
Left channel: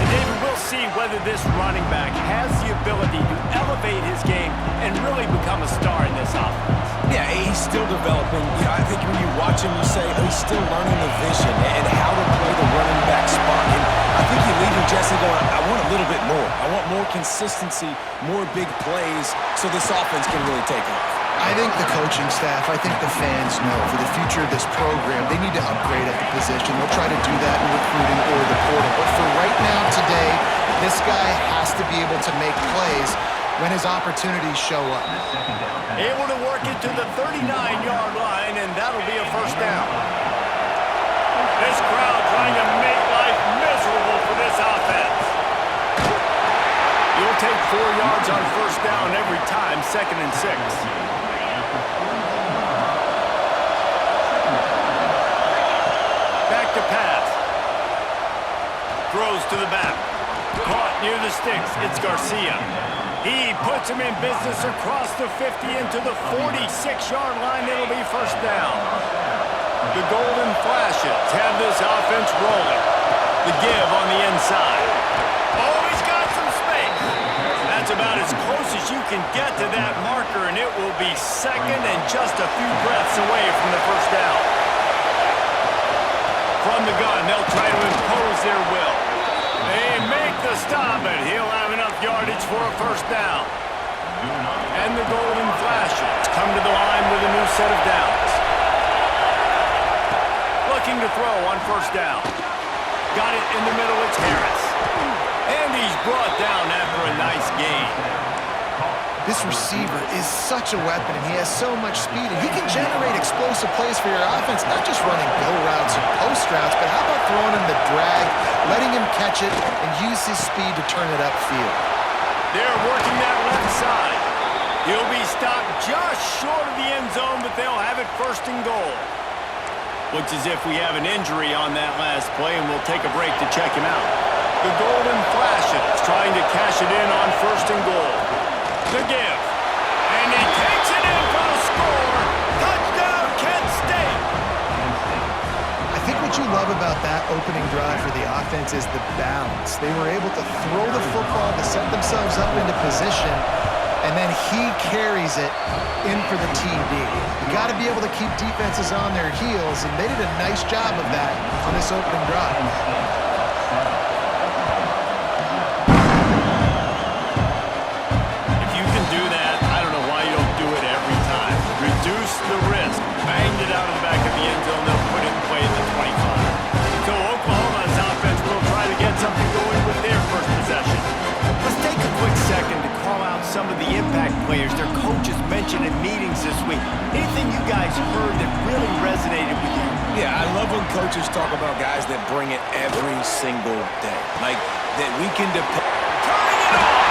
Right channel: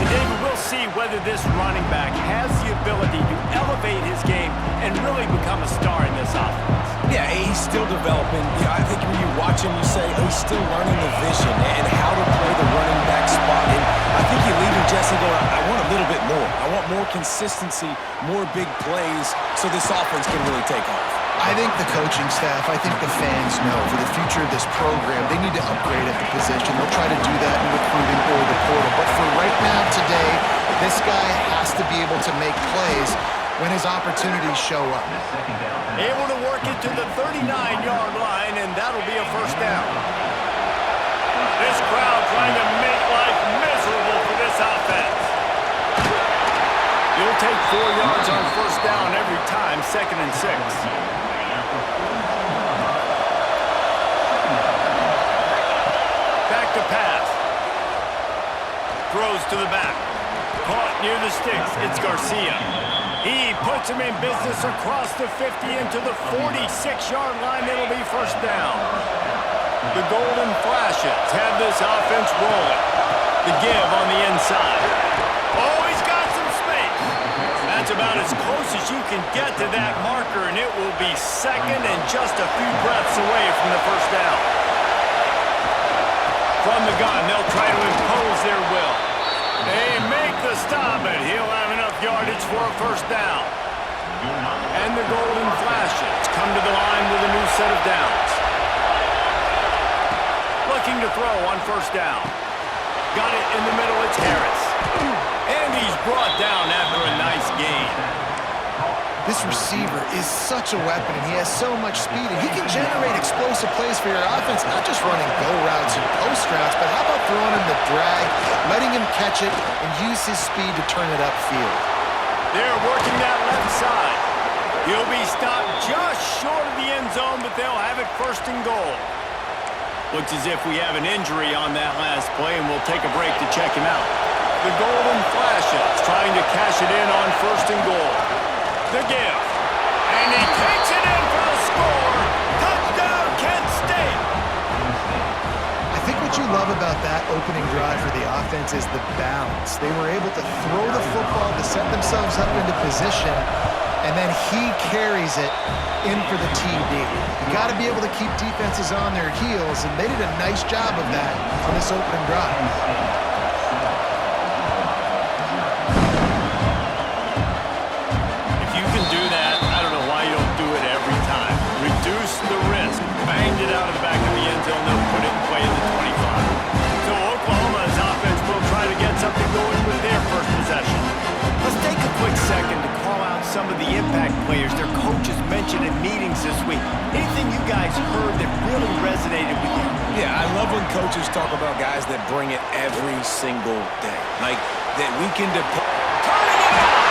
And David, we'll see whether this running back has the ability to elevate his game and really become a star in this offense. Yeah, he's still developing. I think when you watch him, you say, oh, he's still learning the vision and how to play the running back spot. And I think you leave him, Jesse, going, I want a little bit more. I want more consistency, more big plays, so this offense can really take off. I think the coaching staff, I think the fans know for the future of this program, they need to upgrade at the position. They'll try to do that in recruiting or the portal. But for right now, today, this guy has to be able to make plays when his opportunities show up. Able to work it to the 39-yard line, and that'll be a first down. This crowd trying to make life miserable for this offense. You'll take 4 yards on first down every time, 2nd and 6. Back to pass. Throws to the back. Caught near the sticks. It's Garcia. He puts him in business across the 50 into the 46-yard line. It'll be first down. The Golden Flashes have this offense rolling. The give on the inside. Oh, he's got some space. That's about as close as you can get to that marker, and it will be 2nd and just a few breaths away from the first down. From the gun, they'll try to impose their will. They make the stop, but he'll have enough yardage for a first down. And the Golden Flashes come to the line with a new set of downs. Looking to throw on first down. Got it in the middle, it's Harris. And he's brought down after a nice gain. This receiver is such a weapon, and he has so much speed, and he can generate explosive plays for your offense, not just running go routes and post routes, but how about throwing him the drag, letting him catch it, and use his speed to turn it upfield. They're working that left side. He'll be stopped just short of the end zone, but they'll have it 1st and goal. Looks as if we have an injury on that last play, and we'll take a break to check him out. The Golden Flashes trying to cash it in on 1st and goal. The give. And he takes it in for the score. Touchdown, Kent State. I think what you love about that opening drive for the offense is the bounce. They were able to throw the football to set themselves up into position, and then he carries it in for the TD. You got to be able to keep defenses on their heels, and they did a nice job of that on this opening drive. Do that, I don't know why you don't do it every time. Reduce the risk. Banged it out of the back of the end zone. They'll put it in play at the 25. So Oklahoma's offense will try to get something going with their first possession. Let's take a quick second to call out some of the impact players their coaches mentioned in meetings this week. Anything you guys heard that really resonated with you? Yeah, I love when coaches talk about guys that bring it every single day. Like, that we can depend. Turning it on!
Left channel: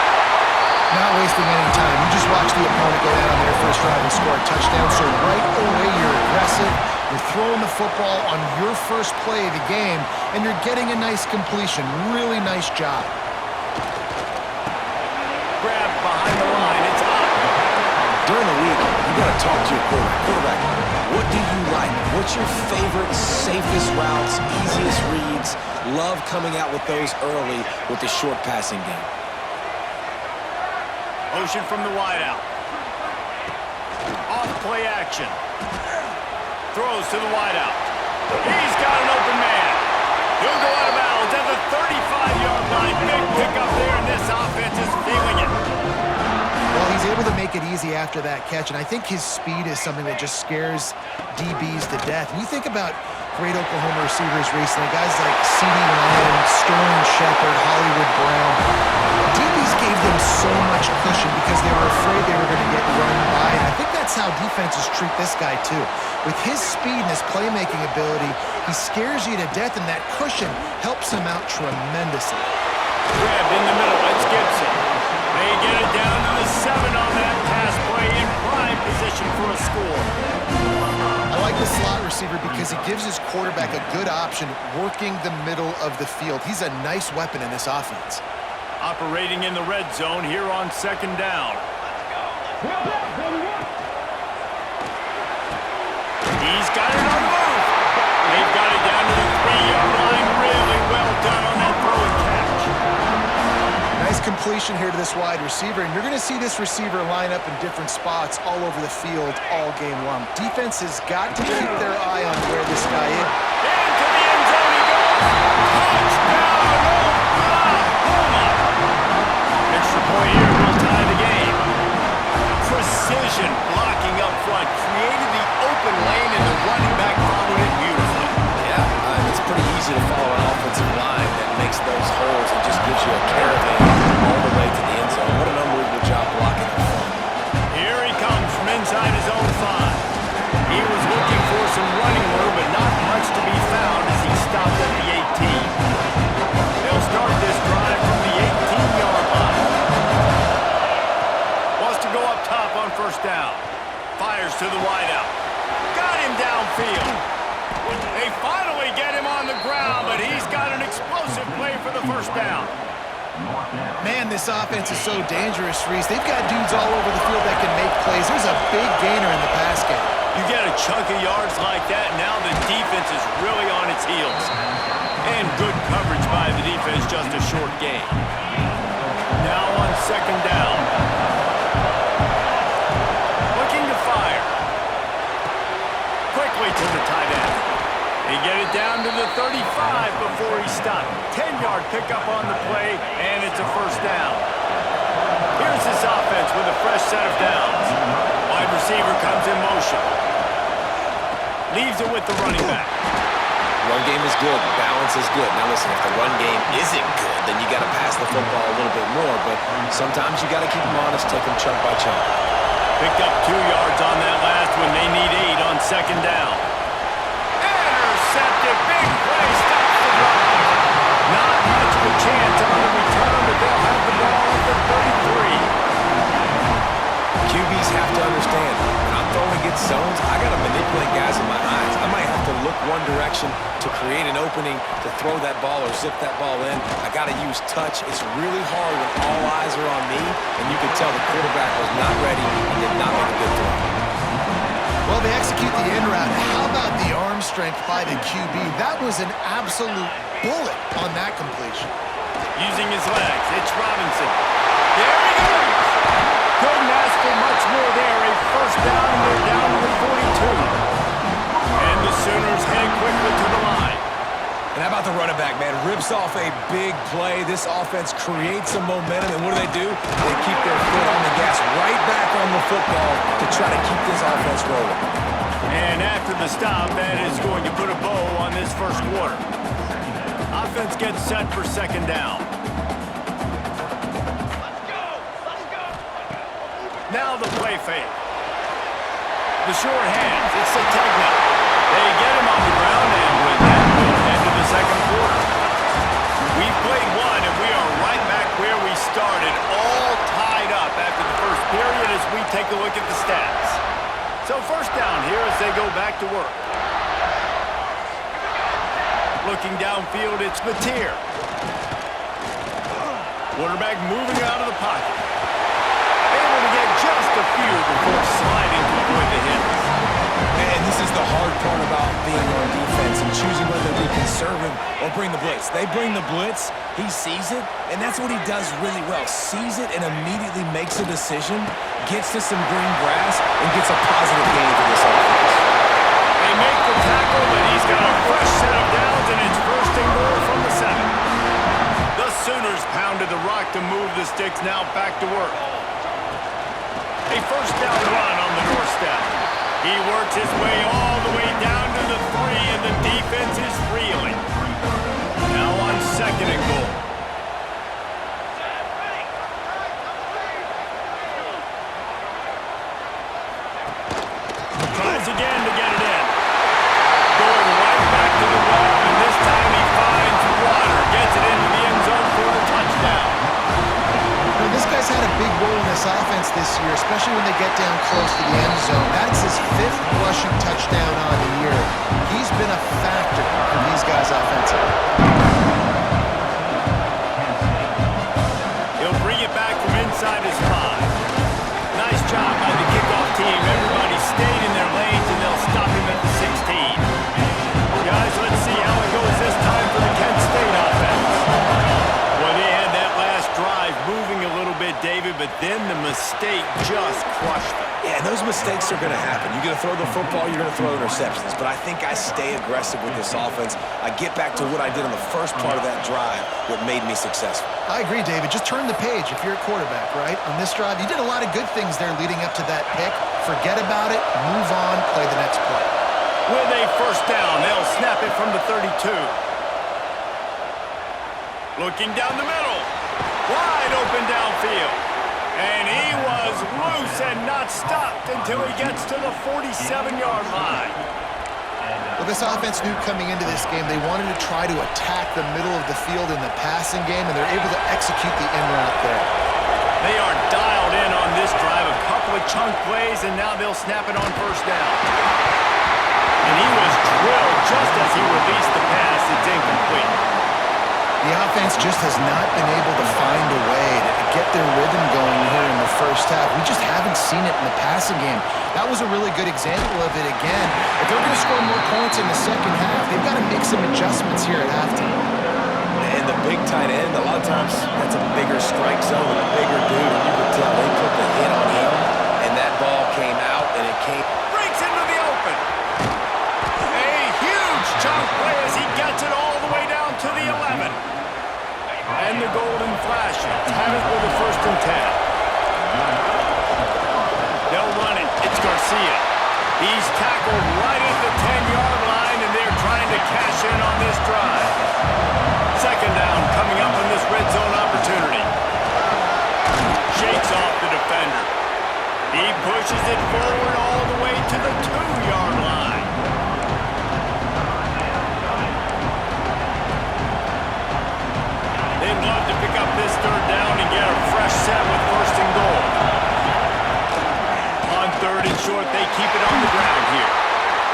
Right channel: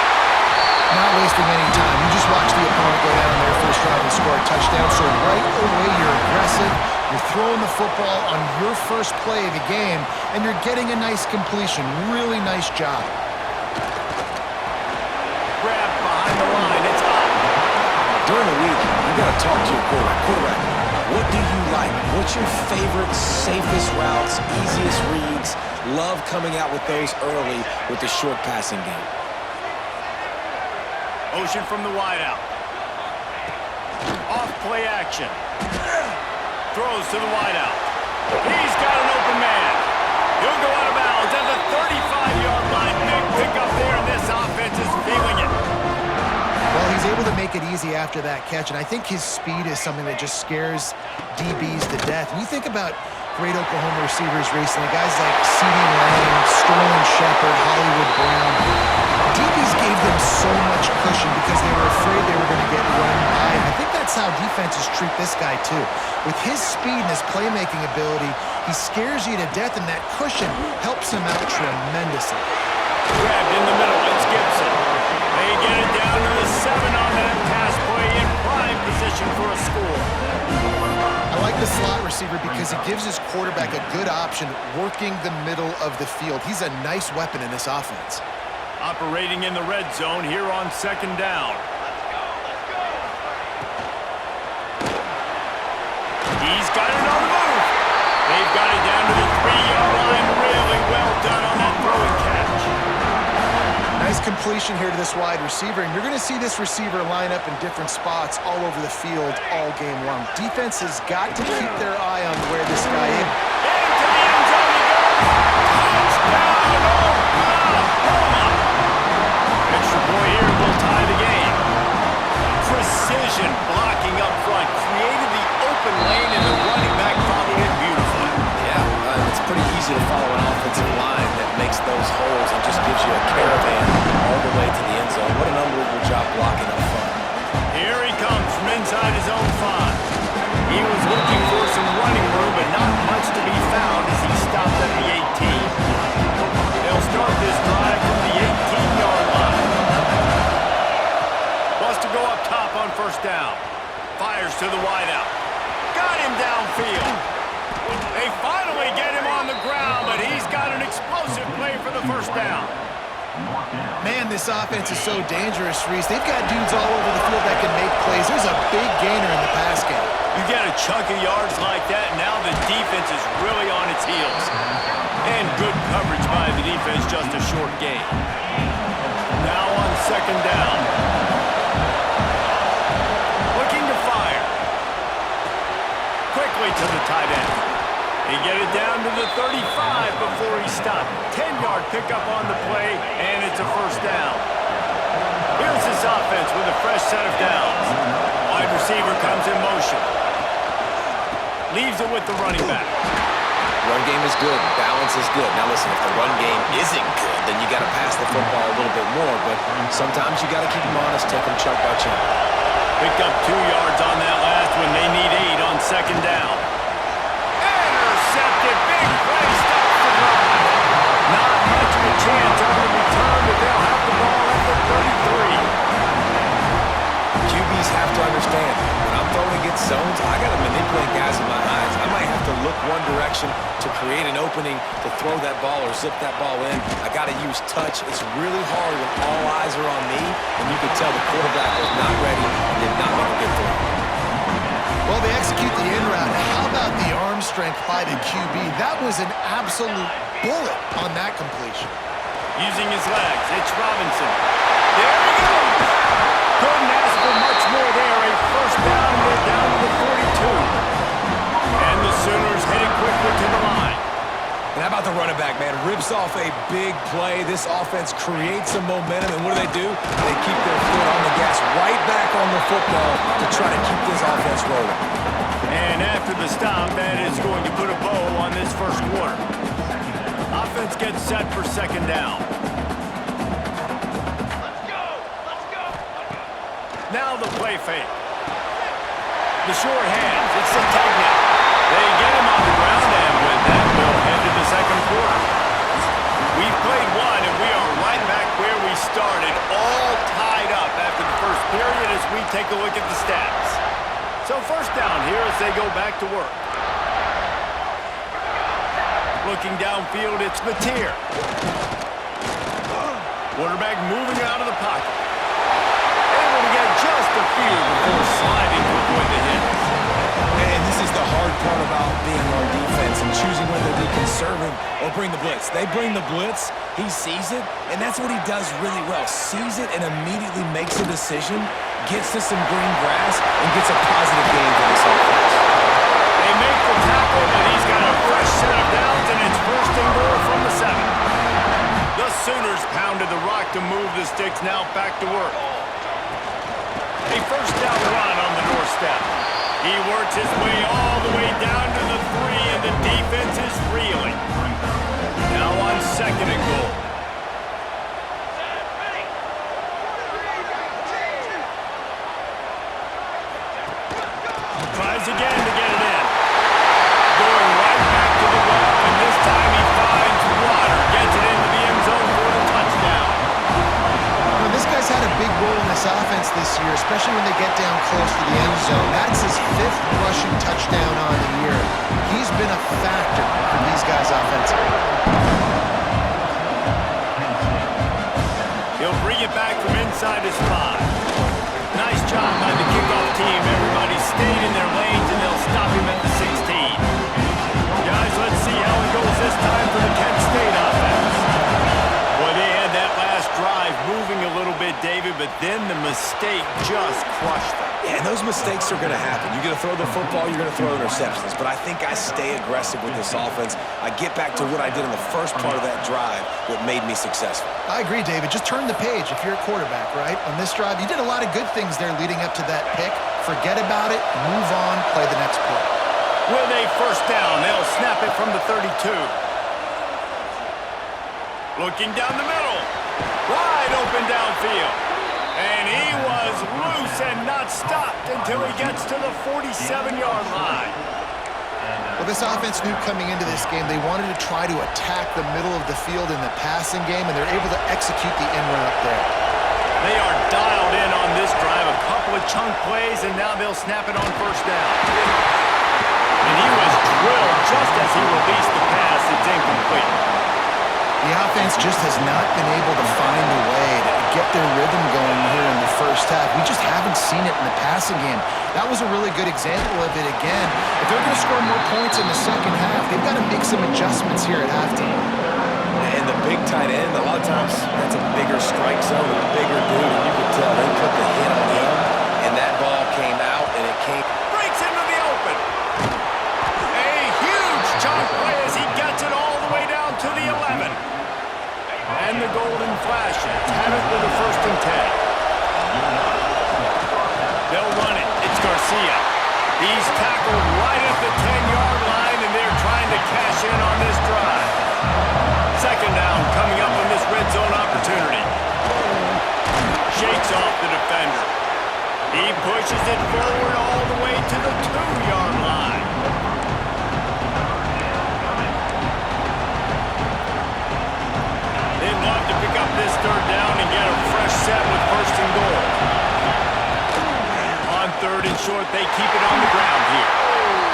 Not wasting any time. You just watch the opponent go down on their first drive and score a touchdown. So right away, you're aggressive. You're throwing the football on your first play of the game, and you're getting a nice completion. Really nice job. Grab behind the line. It's up. During the week, you got to talk to your quarterback. Quarterback, what do you like? What's your favorite, safest routes, easiest reads? Love coming out with those early with the short passing game. Motion from the wideout. Off play action. Throws to the wideout. He's got an open man. He'll go out of bounds at the 35-yard line. Big pickup there, and this offense is feeling it. Well, he's able to make it easy after that catch, and I think his speed is something that just scares DBs to death. And you think about great Oklahoma receivers recently, guys like C.D. Lang, Sterling Shepard, Hollywood Brown. DBs gave them so much cushion because they were afraid they were going to get run by. And I think that's how defenses treat this guy, too. With his speed and his playmaking ability, he scares you to death, and that cushion helps him out tremendously. Grabbed in the middle. It's Gibson. They get it down to the 7 on that pass play in prime position for a score. I like the slot receiver because he gives his quarterback a good option working the middle of the field. He's a nice weapon in this offense. Operating in the red zone here on second down. Let's go, let's go. He's got it on the move. They've got it down to the 3-yard line. Really well done on that throw and catch. Nice completion here to this wide receiver, and you're going to see this receiver line up in different spots all over the field all game long. Defense has got to keep their eye on where this guy is. Into the end zone he goes. Touchdown, Oklahoma. Extra point here will tie the game. Precision blocking up front created the open lane, and the running back followed it beautifully. Yeah, it's pretty easy to follow an offensive line that makes those holes and just gives you a caravan all the way to the end zone. What an unbelievable job blocking up front. Here he comes from inside his own 5. He was looking for some running room, but not much to be found as he stopped at the 18. They'll start this drive from the 18-yard line. Wants to go up top on first down. Fires to the wideout. Got him downfield. They finally get him on the ground, but he's got an explosive play for the first down. Man, this offense is so dangerous, Reese. They've got dudes all over the field that can make plays. There's a big gainer in the pass game. You get a chunk of yards like that, now the defense is really on its heels. And good coverage by the defense, just a short gain. Now on second down. Looking to fire. Quickly to the tight end. They get it down to the 35 before he stopped. 10-yard pickup on the play, and it's a first down. Here's this offense with a fresh set of downs. Wide receiver comes in motion. Leaves it with the running back. Run game is good. Balance is good. Now listen, if the run game isn't good, then you got to pass the football a little bit more. But sometimes you got to keep them honest, take them chunk by chunk. Picked up 2 yards on that last one. They need 8 on second down. Intercepted. Big play. Stops the drive. Not much of a chance on the return, but they'll have the ball at the 33. QBs have to understand, when I'm throwing against zones, I got to manipulate guys in my eyes. I might have to look one direction to create an opening to throw that ball or zip that ball in. I got to use touch. It's really hard when all eyes are on me, and you could tell the quarterback was not ready and did not make a good throw. Well, they execute the in route. How about the arm strength by the QB? That was an absolute bullet on that completion. Using his legs, it's Robinson. There he goes. Couldn't ask for much more there. A first down, and they're down to the 42. And the Sooners headed quickly to the line. And how about the running back, man? Rips off a big play. This offense creates some momentum, and what do? They keep their foot on the gas, right back on the football to try to keep this offense rolling. And after the stop, that is going to put a bow on this first quarter. Offense gets set for second down. Now the play fake. The short hands. It's Sategna. They get him on the ground, and with that, we'll head to the second quarter. We've played one, and we are right back where we started, all tied up after the first period as we take a look at the stats. So first down here as they go back to work. Looking downfield, it's Mateer. Quarterback moving out of the pocket. Able to get just a few before sliding to avoid the hits. And this is the hard part about being on defense and choosing whether to be conservative or bring the blitz. They bring the blitz, he sees it, and that's what he does really well. Sees it and immediately makes a decision, gets to some green grass, and gets a positive gain for this offense. They make the tackle, but he's got a fresh set of downs, and it's first and goal from the 7. The Sooners pounded the rock to move the sticks, now back to work. A first down run on the doorstep. He works his way all the way down to the 3, and the defense is reeling. Now on second and goal. big role in this offense this year, especially when they get down close to the end zone. That's his 5th rushing touchdown on the year. He's been a factor for these guys offensively. He'll bring it back from inside his 5. Nice job by the kickoff team. Everybody stayed in their lanes, and they'll stop him at the 16. Guys, let's see how it goes this time for the Kent State offense. Well, they had that last drive moving a little bit, David, but then the mistake just crushed them. Yeah, and those mistakes are going to happen. You're going to throw the football, you're going to throw interceptions. But I think I stay aggressive with this offense. I get back to what I did in the first part of that drive, what made me successful. I agree, David. Just turn the page if you're a quarterback, right? On this drive, you did a lot of good things there leading up to that pick. Forget about it, move on, play the next play. With a first down, they'll snap it from the 32. Looking down the middle. Wide open downfield. And he was loose and not stopped until he gets to the 47-yard line. Well, this offense knew coming into this game they wanted to try to attack the middle of the field in the passing game, and they're able to execute the in route there. They are dialed in on this drive. A couple of chunk plays, and now they'll snap it on first down. And he was drilled just as he released the pass. It's incomplete. The offense just has not been able to find a way to get their rhythm going here in the first half. We just haven't seen it in the passing game. That was a really good example of it again. If they're going to score more points in the second half, they've got to make some adjustments here at halftime. And the big tight end, a lot of times that's a bigger strike zone, a bigger dude, and you could tell they put the hit on him, and that ball came out, and it came... Breaks into the open. A huge chunk play as he gets it all the way down to the 11. And the Golden Flashes have it with a 1st and 10. They'll run it. It's Garcia. He's tackled right at the 10-yard line, and they're trying to cash in on this drive. 2nd down coming up on this red zone opportunity. Shakes off the defender. He pushes it forward all the way to the 2-yard line. They'd love to pick up this 3rd down and get a fresh set with 1st and goal. On 3rd and short, they keep it on the ground here.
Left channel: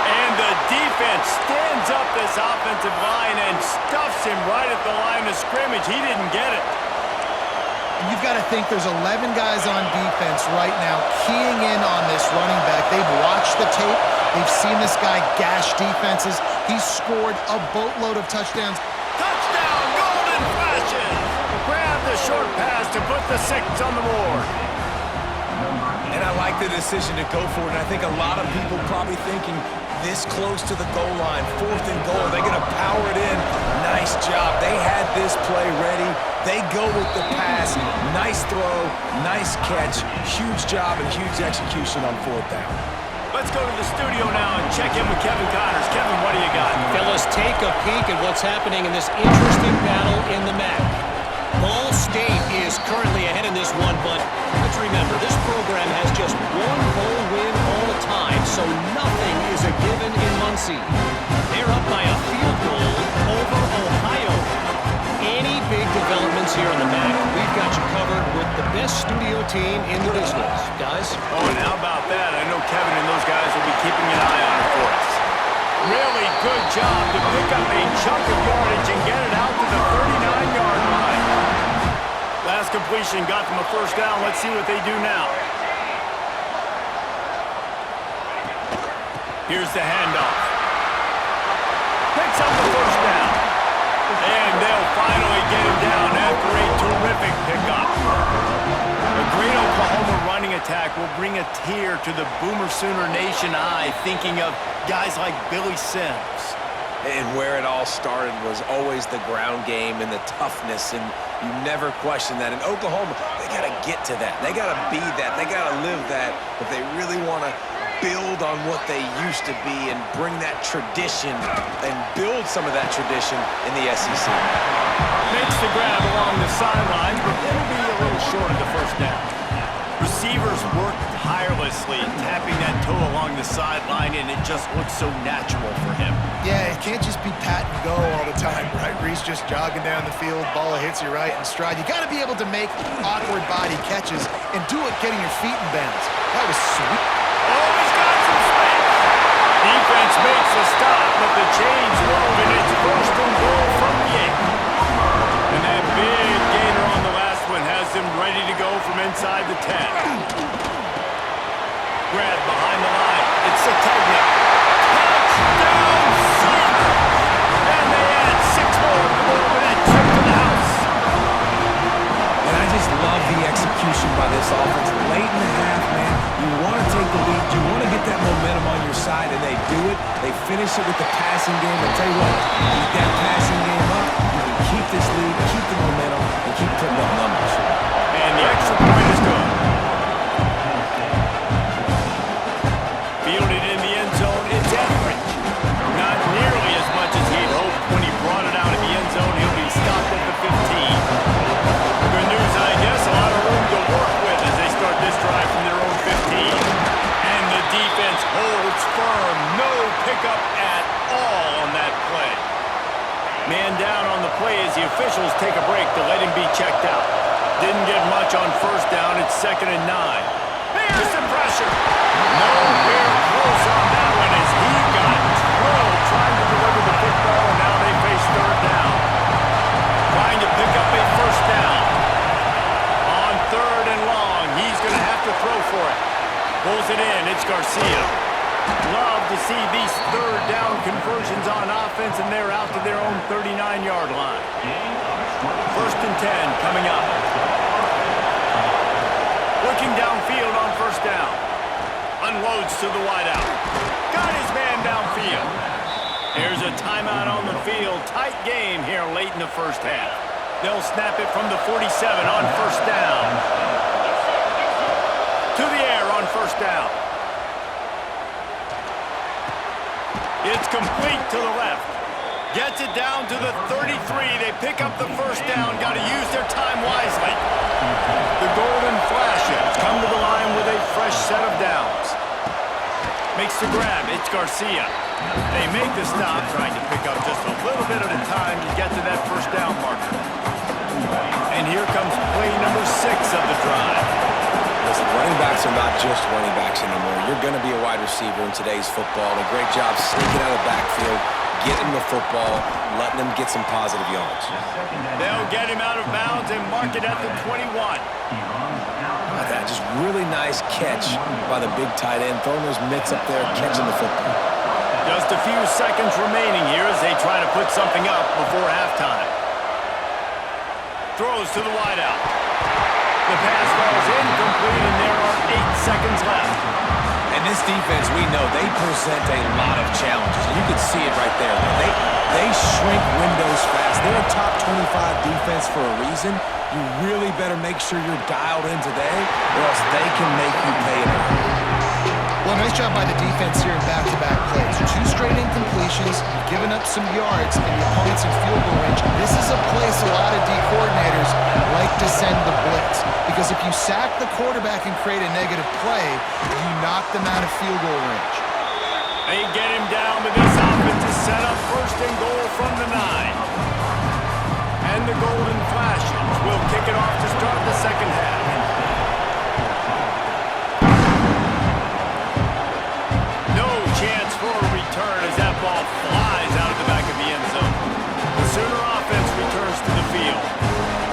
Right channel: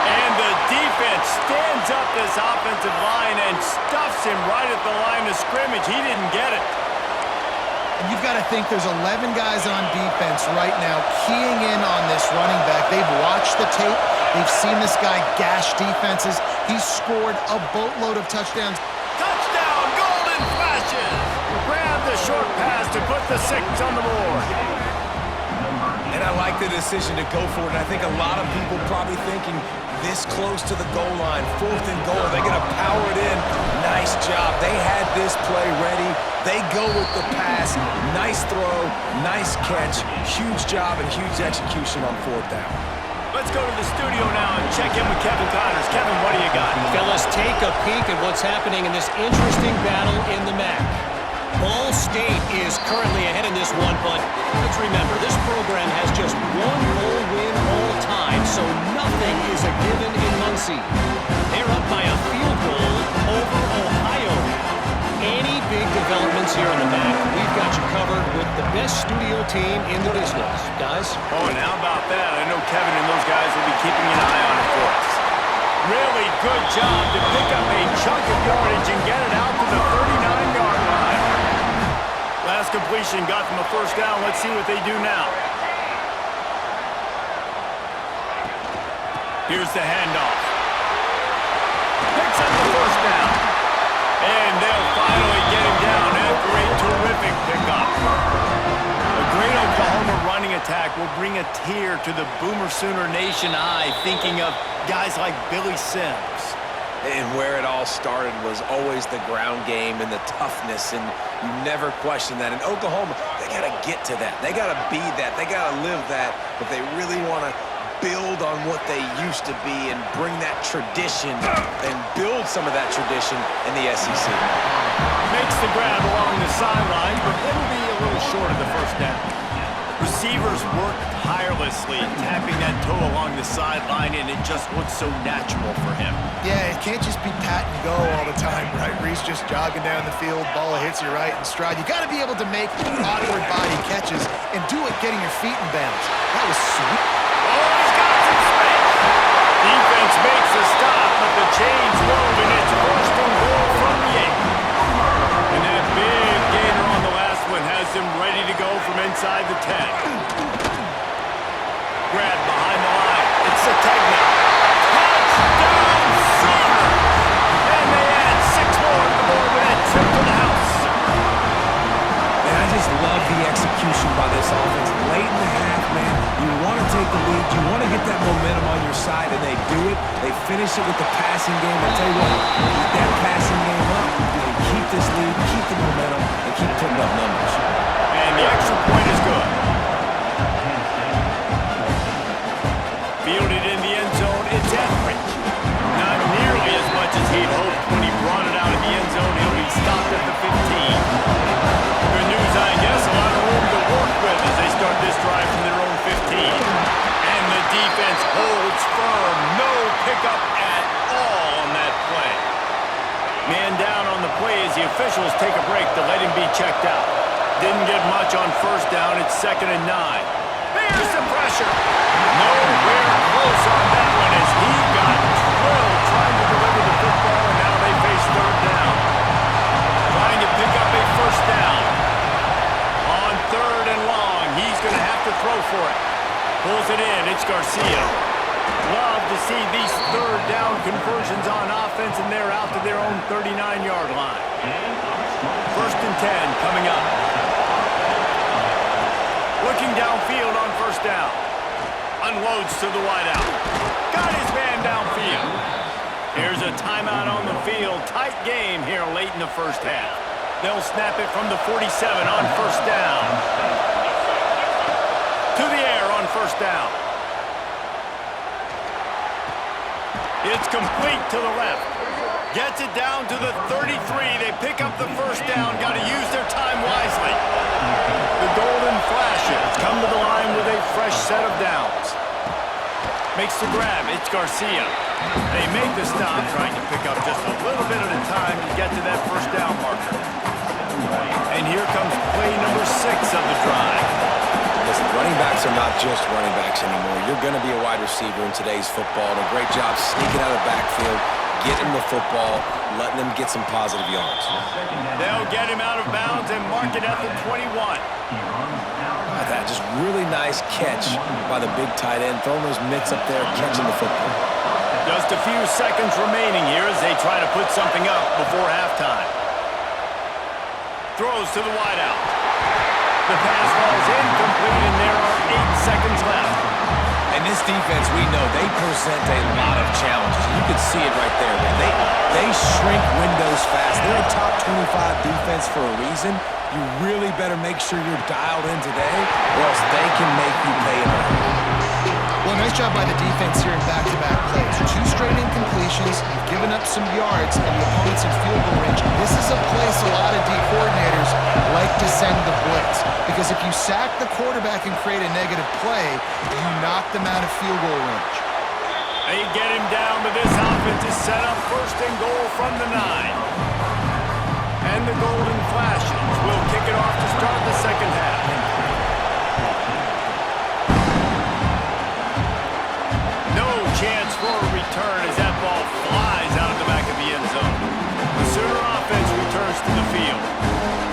And the defense stands up this offensive line and stuffs him right at the line of scrimmage. He didn't get it. And you've got to think there's 11 guys on defense right now keying in on this running back. They've watched the tape. They've seen this guy gash defenses. He's scored a boatload of touchdowns. Touchdown, Golden Flashes! Grab the short pass to put the 6 on the board. And I like the decision to go for it, and I think a lot of people probably thinking this close to the goal line, 4th and goal, they're going to power it in. Nice job. They had this play ready. They go with the pass. Nice throw, nice catch, huge job and huge execution on 4th down. Let's go to the studio now and check in with Kevin Connors. Kevin, what do you got? Fellas, take a peek at what's happening in this interesting battle in the MAC. Ball State is currently ahead in this one, but let's remember, this program has just one bowl win all time, so nothing is a given in Muncie. They're up by a field goal over Ohio. Any big developments here in the MAC, we've got you covered with the best studio team in the business. Guys? Oh, and how about that? I know Kevin and those guys will be keeping an eye on it for us. Really good job to pick up a chunk of yardage and get it out to the 39-yard line. Last completion got them a 1st down. Let's see what they do now. Here's the handoff. Picks up the 1st down. And they'll finally get him down after a terrific pickup. A great Oklahoma running attack will bring a tear to the Boomer Sooner Nation eye, thinking of guys like Billy Sims. And where it all started was always the ground game and the toughness, and you never question that. In Oklahoma, they got to get to that. They got to be that. They got to live that if they really want to build on what they used to be and bring that tradition and build some of that tradition in the SEC. Makes the grab along the sidelines, but it'll be a little short of the 1st down. Receivers work tirelessly, tapping that toe along the sideline, and it just looks so natural for him. Yeah, it can't just be pat and go all the time, right? Reese just jogging down the field, ball hits you right in stride. You got to be able to make awkward body catches and do it getting your feet in bounds. That was sweet. Oh, he's got some space. Defense makes a stop, but the chains roll, and it's first and goal from the 8. And that big gainer on the last one has him ready to go from inside the 10. Grab behind the line. It's Sategna. Touchdown, Sooners! And they add 6 more to the board with that trip to the house. And I just love the execution by this offense. Late in the half, man, you want to take the lead. You want to get that momentum on your side, and they do it. They finish it with the passing game. I tell you what, keep that passing game up. You can keep this lead, keep the momentum, and keep putting up numbers. And the extra point is good. Fielded in the end zone, it's Etheridge. Not nearly as much as he'd hoped when he brought it out of the end zone. He'll be stopped at the 15. Good news, I guess, a lot of room to work with as they start this drive from their own 15. And the defense holds firm. No pickup at all on that play. Man down on the play as the officials take a break to let him be checked out. Didn't get much on first down. It's 2nd and 9. Here's the pressure. Nowhere close on that one as he got drilled trying to deliver the football, and now they face 3rd down. Trying to pick up a first down. On 3rd and long, he's going to have to throw for it. Pulls it in. It's Garcia. Love to see these 3rd down conversions on offense, and they're out to their own 39-yard line. 1st and 10 coming up. Looking downfield on first down. Unloads to the wideout. Got his man downfield. Here's a timeout on the field. Tight game here late in the first half. They'll snap it from the 47 on first down. To the air on first down. It's complete to the left. Gets it down to the 33. They pick up the first down. Got to use their time wisely. The Golden Flashes come to the line with a fresh set of downs. Makes the grab. It's Garcia. They make the stop, trying to pick up just a little bit at a time to get to that first down marker. And here comes play number 6 of the drive. Listen, running backs are not just running backs anymore. You're going to be a wide receiver in today's football. And a great job sneaking out of the backfield, getting the football, letting them get some positive yards. They'll get him out of bounds and mark it at the 21. That just really nice catch by the big tight end, throwing those mitts up there, catching the football. Just a few seconds remaining here as they try to put something up before halftime. Throws to the wideout. The pass falls incomplete, and there are 8 seconds left. And this defense, we know, they present a lot of challenges. And you can see it right there, man. They shrink windows fast. They're a top 25 defense for a reason. You really better make sure you're dialed in today, or else they can make you pay in a hurry. Well, nice job by the defense here in back-to-back plays. 2 straight incompletions, you've given up some yards, and the opponent's in field goal range. This is a place a lot of D coordinators like to send the blitz, because if you sack the quarterback and create a negative play, you knock them out of field goal range. They get him down, but this offense is set up 1st and goal from the 9. And the Golden Flashes will kick it off to start the second half. No chance for a return as that ball flies out of the back of the end zone. The Sooner offense returns to the field.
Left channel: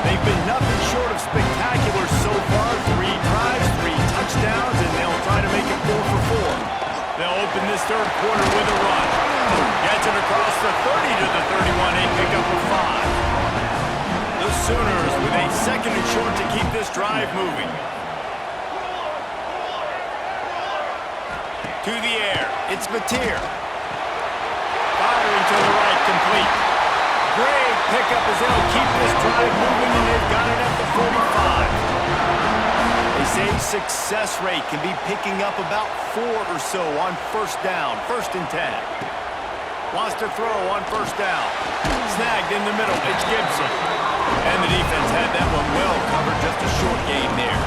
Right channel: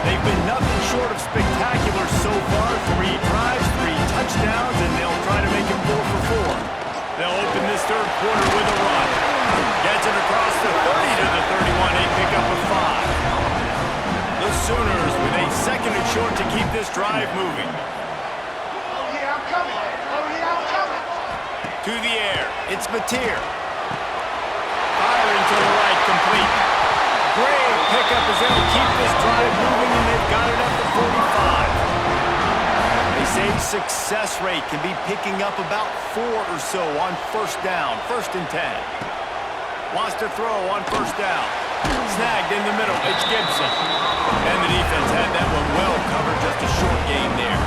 They've been nothing short of spectacular so far. 3 drives, 3 touchdowns, and they'll try to make it 4 for 4. They'll open this 3rd quarter with a run. Gets it across the 30 to the 31. They pick up a 5. The Sooners with a 2nd and short to keep this drive moving. To the air, it's Mateer. Firing to the right, complete. Great pickup as they'll keep this drive moving, and they've got it at the 45. They say success rate can be picking up about 4 or so on first down, 1st and 10. Wants to throw on first down. Snagged in the middle, it's Gibson. And the defense had that one well covered, just a short gain there.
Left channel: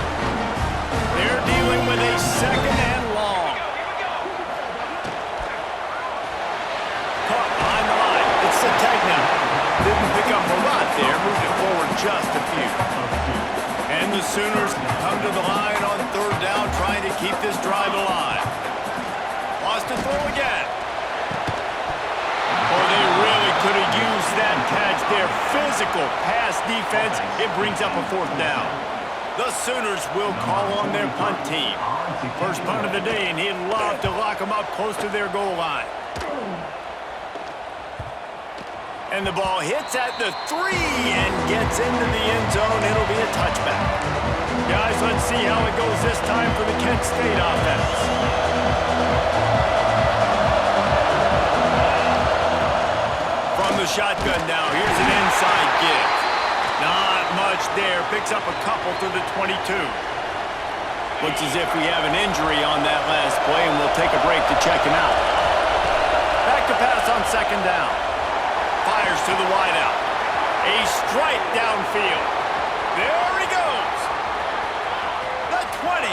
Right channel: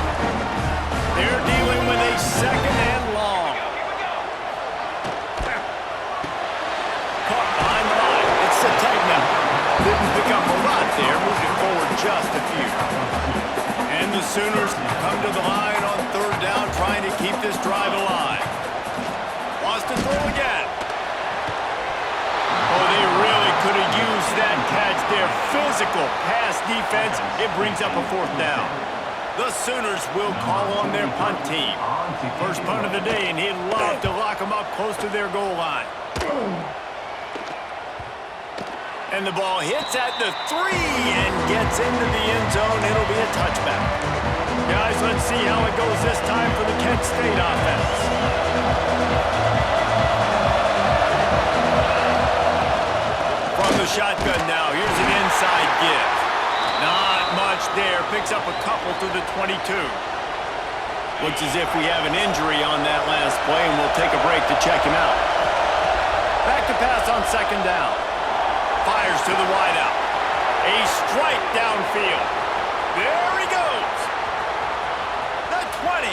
They're dealing with a second and long. Caught behind the line. It's Sategna. Didn't pick up a lot there. Moved it forward just a few. And the Sooners come to the line on third down, trying to keep this drive alive. Wants to throw again. Oh, they really could have used that catch there. Physical pass defense. It brings up a fourth down. The Sooners will call on their punt team. First punt of the day, and he'd love to lock them up close to their goal line. And the ball hits at the 3 and gets into the end zone. It'll be a touchback. Guys, let's see how it goes this time for the Kent State offense. From the shotgun now, here's an inside give. Not much there. Picks up a couple to the 22. Looks as if we have an injury on that last play, and we'll take a break to check him out. Back to pass on second down. Fires to the wideout. A strike downfield. There he goes. The 20.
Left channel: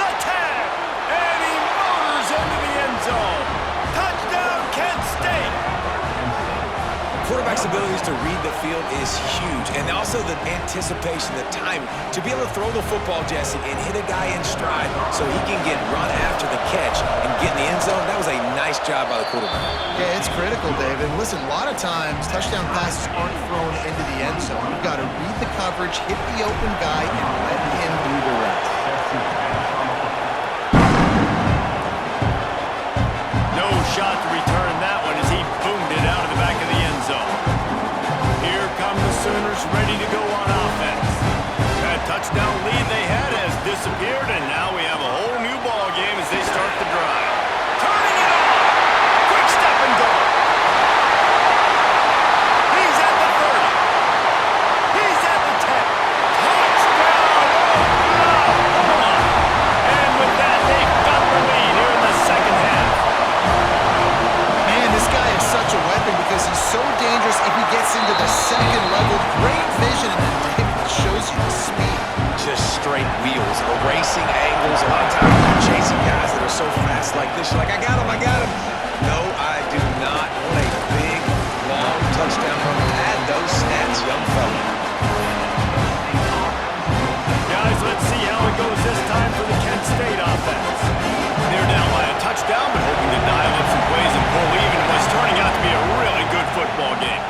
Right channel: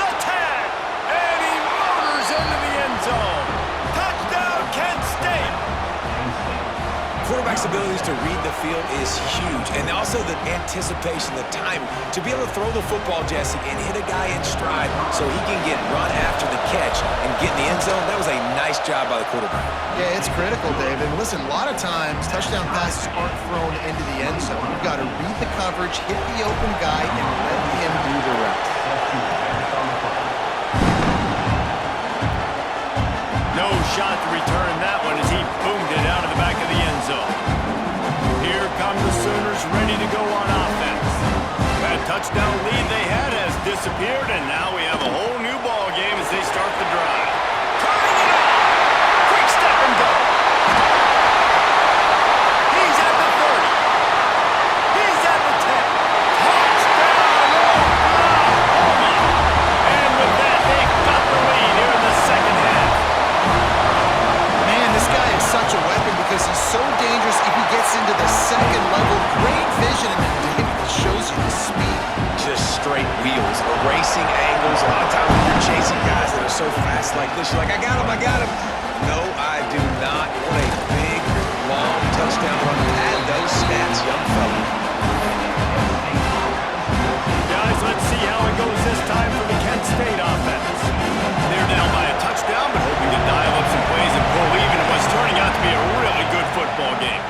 The 10. And he motors into the end zone. Touchdown, Kent State. Quarterback's abilities to read the field is huge, and also the anticipation, the timing. To be able to throw the football, Jesse, and hit a guy in stride so he can get run after the catch and get in the end zone, that was a nice job by the quarterback. Yeah, it's critical, David. Listen, a lot of times touchdown passes aren't thrown into the end zone. You've got to read the coverage, hit the open guy, and let him do the rest. No shot to return that one as he boomed it out of the back of the end zone. Here come the Sooners ready to go on offense. That touchdown lead they had has disappeared, and now we have a whole new ball game as they start the drive. Turning it on! Quick step and go! He's at the 30. He's at the 10. Touchdown, Oklahoma! And with that, they've got the lead here in the second half. Man, this guy is such a weapon because he's so dangerous if he gets into the second level. Great vision, and then David shows you the speed. Just straight wheels, erasing angles. A lot of times when you're chasing guys that are so fast like this, you're like, I got him, I got him. No, I do not want a big, long touchdown run. Add those stats, young fella. Guys, let's see how it goes this time for the Kent State offense. They're down by a touchdown, but hoping to dial up some plays and pull even in what's turning out to be a really good football game.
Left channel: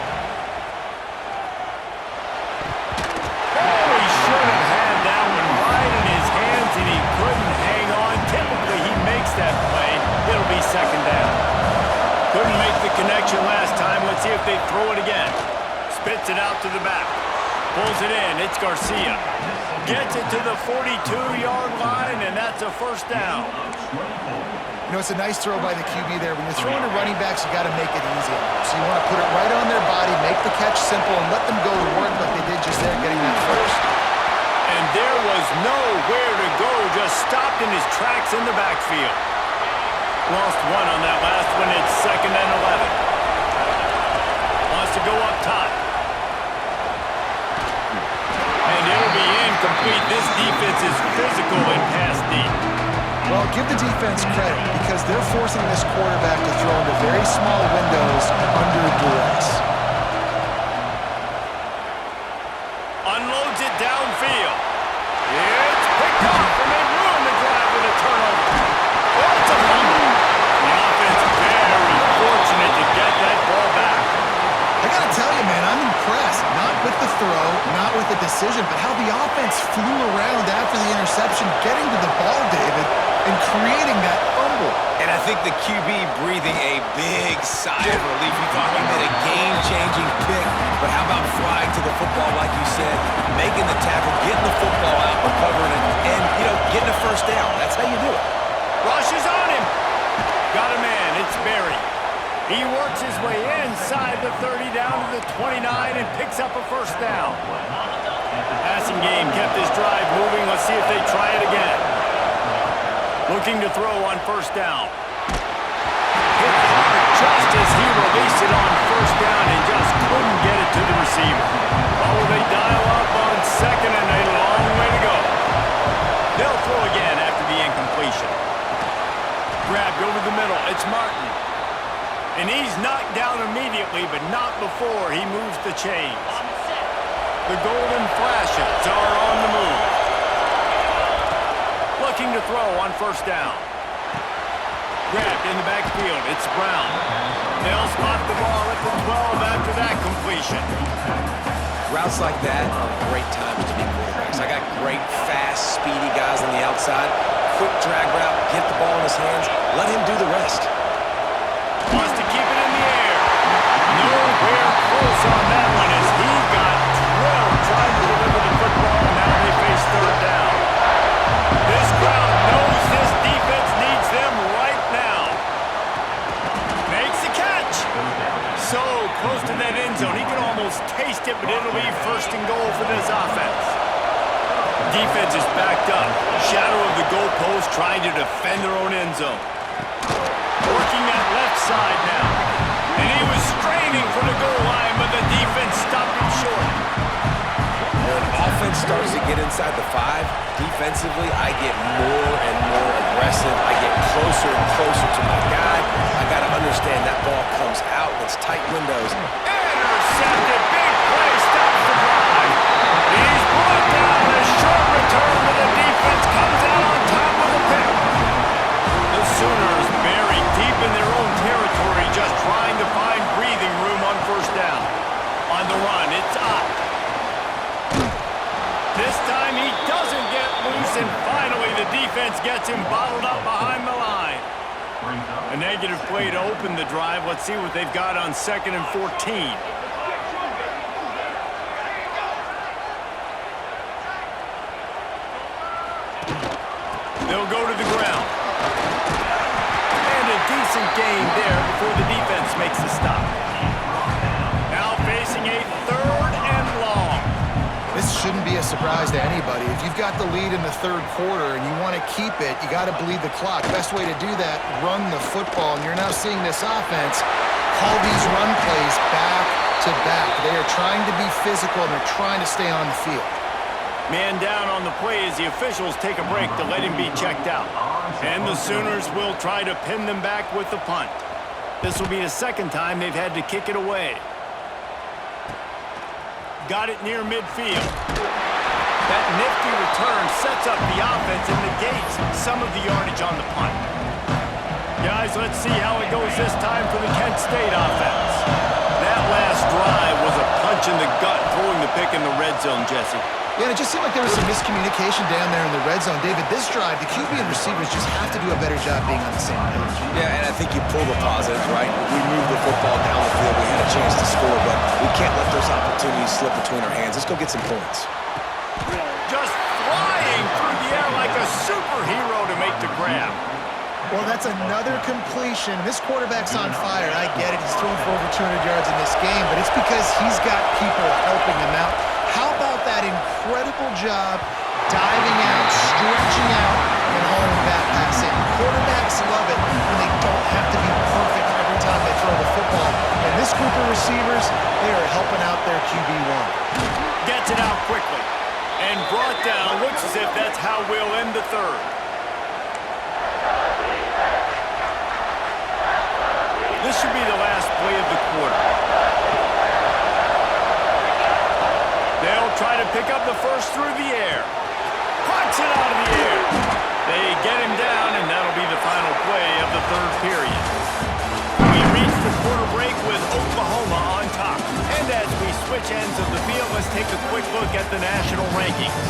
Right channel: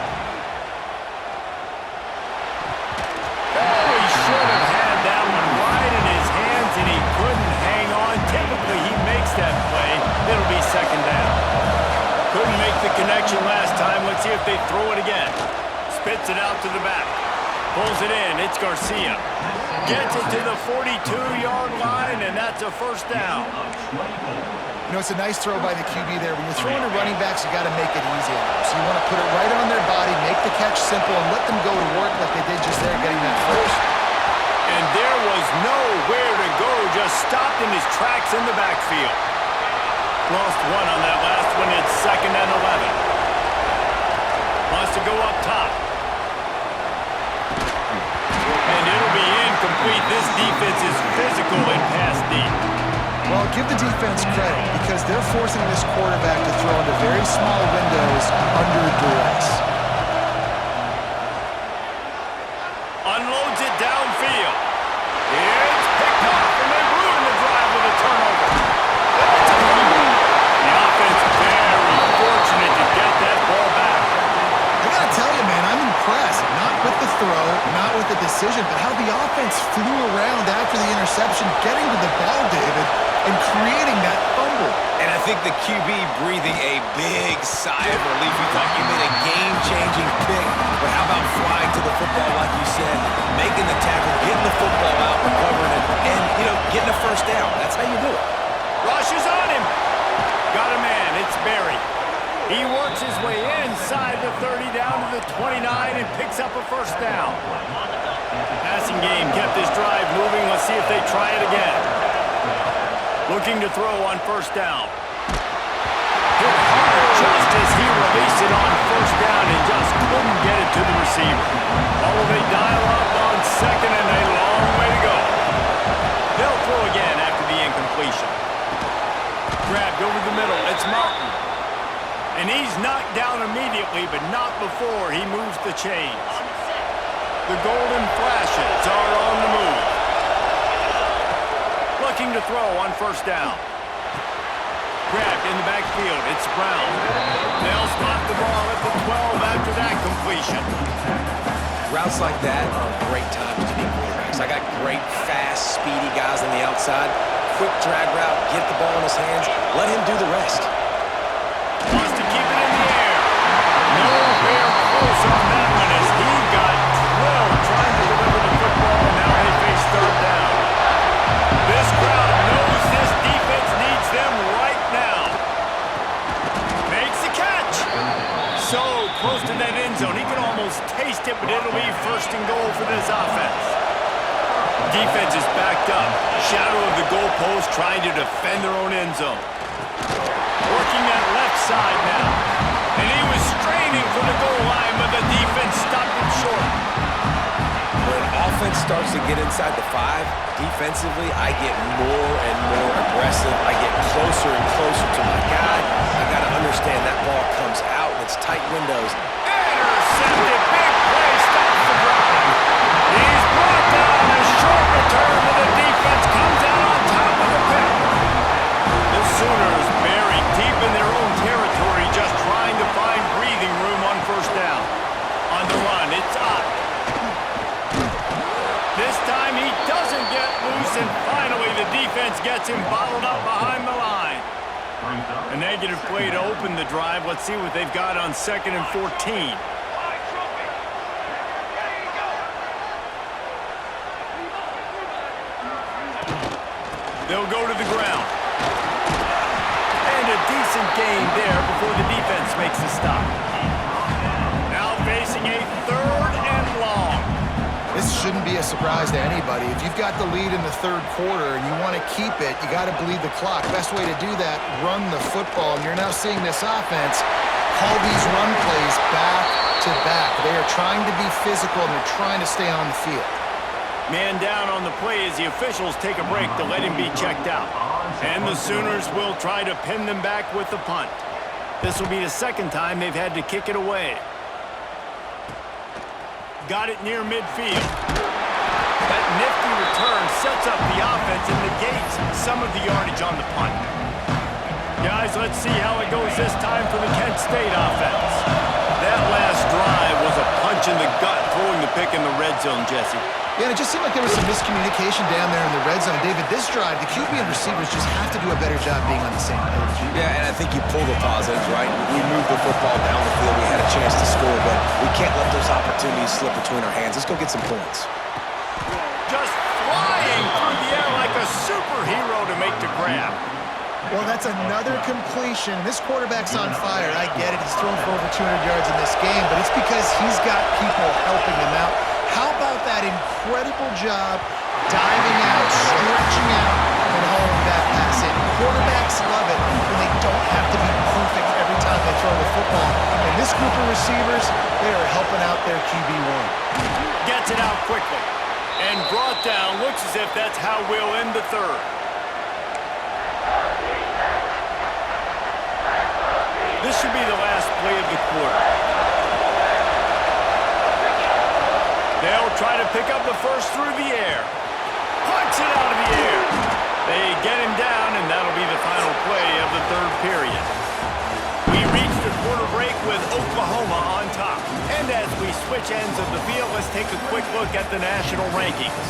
Oh, he should have had that one right in his hands, and he couldn't hang on. Typically, he makes that play. It'll be second down. Couldn't make the connection last time. Let's see if they throw it again. Spits it out to the back. Pulls it in. It's Garcia. Gets it to the 42-yard line, and that's a first down. You know, it's a nice throw by the QB there. When you're throwing to running backs, you got to make it easy on them. So you want to put it right on their body, make the catch simple, and let them go to work like they did just there, getting that first. And there was nowhere to go, just stopped in his tracks in the backfield. Lost one on that last one. It's second and 11. Wants to go up top. And it'll be incomplete. This defense is physical and pass deep. Well, give the defense credit because they're forcing this quarterback to throw into very small windows under duress. Unloads it downfield. It's picked off, and they ruin the drive with a turnover. That's a fumble. The offense very fortunate to get that ball back. I gotta tell you, man, I'm impressed. Not with the throw, not with the decision, but how the offense flew around after the interception, getting to the ball, David, and creating that fumble. And I think the QB breathing a big sigh of relief. We thought you made a game-changing pick, but how about flying to the football, like you said, making the tackle, getting the football out, recovering it, and, you know, getting a first down. That's how you do it. Rush is on him. Got a man. It's Berry. He works his way inside the 30 down to the 29 and picks up a first down. Passing game kept this drive moving. Let's see if they try it again. Looking to throw on first down. Hit hard just as he released it on first down and just couldn't get it to the receiver. Oh, they dial up on second and a long way to go. They'll throw completion. Grabbed over the middle. It's Martin. And he's knocked down immediately, but not before he moves the chains. The golden flashes are on the move. Looking to throw on first down. Grabbed in the backfield. It's Brown. They'll spot the ball at the 12 after that completion. Routes like that are great times to be quarterbacks. I got great, fast, speedy guys on the outside. Quick drag route, get the ball in his hands, let him do the rest. Wants to keep it in the air. Nowhere close on that one as he got 12 trying to deliver the football, and now they face third down. This crowd knows this defense needs them right now. Makes the catch. So close to that end zone. He can almost taste it, but it'll be first and goal for this offense. Defense is backed up. Shadow of the goalpost trying to defend their own end zone. Working that left side now. And he was straining for the goal line, but the defense stopped him short. When offense starts to get inside the 5, defensively, I get more and more aggressive. I get closer and closer to my guy. I got to understand that ball comes out and it's tight windows. Intercepted. Big play. Stops the drive. He's brought down. A short return to the defense. Comes out on top with a pick. The Sooners buried deep in their own territory, just trying to find breathing room on first down. On the run, it's Ott. This time he doesn't get loose, and finally the defense gets him bottled up behind the line. A negative play to open the drive. Let's see what they've got on 2nd and 14. They'll go to the ground. And a decent gain there before the defense makes the stop. Now facing a 3rd and long. This shouldn't be a surprise to anybody. If you've got the lead in the 3rd quarter and you want to keep it, you got to bleed the clock. Best way to do that, run the football. And you're now seeing this offense call these run plays back to back. They are trying to be physical and they're trying to stay on the field. Man down on the play as the officials take a break to let him be checked out. And the Sooners will try to pin them back with the punt. This will be the 2nd time they've had to kick it away. Got it near midfield. That nifty return sets up the offense and negates some of the yardage on the punt. Guys, let's see how it goes this time for the Kent State offense. That last drive was a punch in the gut, throwing the pick in the red zone, Jesse. Yeah, and it just seemed like there was some miscommunication down there in the red zone. David, this drive, the QB and receivers just have to do a better job being on the same page. Yeah, and I think you pull the positives, right? We moved the football down the field. We had a chance to score, but we can't let those opportunities slip between our hands. Let's go get some points. Just flying through the air like a superhero to make the grab. Well, that's another completion. This quarterback's on fire. I get it. He's thrown for over 200 yards in this game, but it's because he's got people helping him out. How about that incredible job diving out, stretching out, and hauling that pass in? Quarterbacks love it when they don't have to be perfect every time they throw the football. And this group of receivers, they are helping out their QB1. Gets it out quickly. And brought down. Looks as if that's how we'll end the 3rd. This should be the last play of the quarter. They'll try to pick up the first through the air. Punch it out of the air. They get him down, and that'll be the final play of the 3rd period. We reach the quarter break with Oklahoma on top. And as we switch ends of the field, let's take a quick look at the national rankings.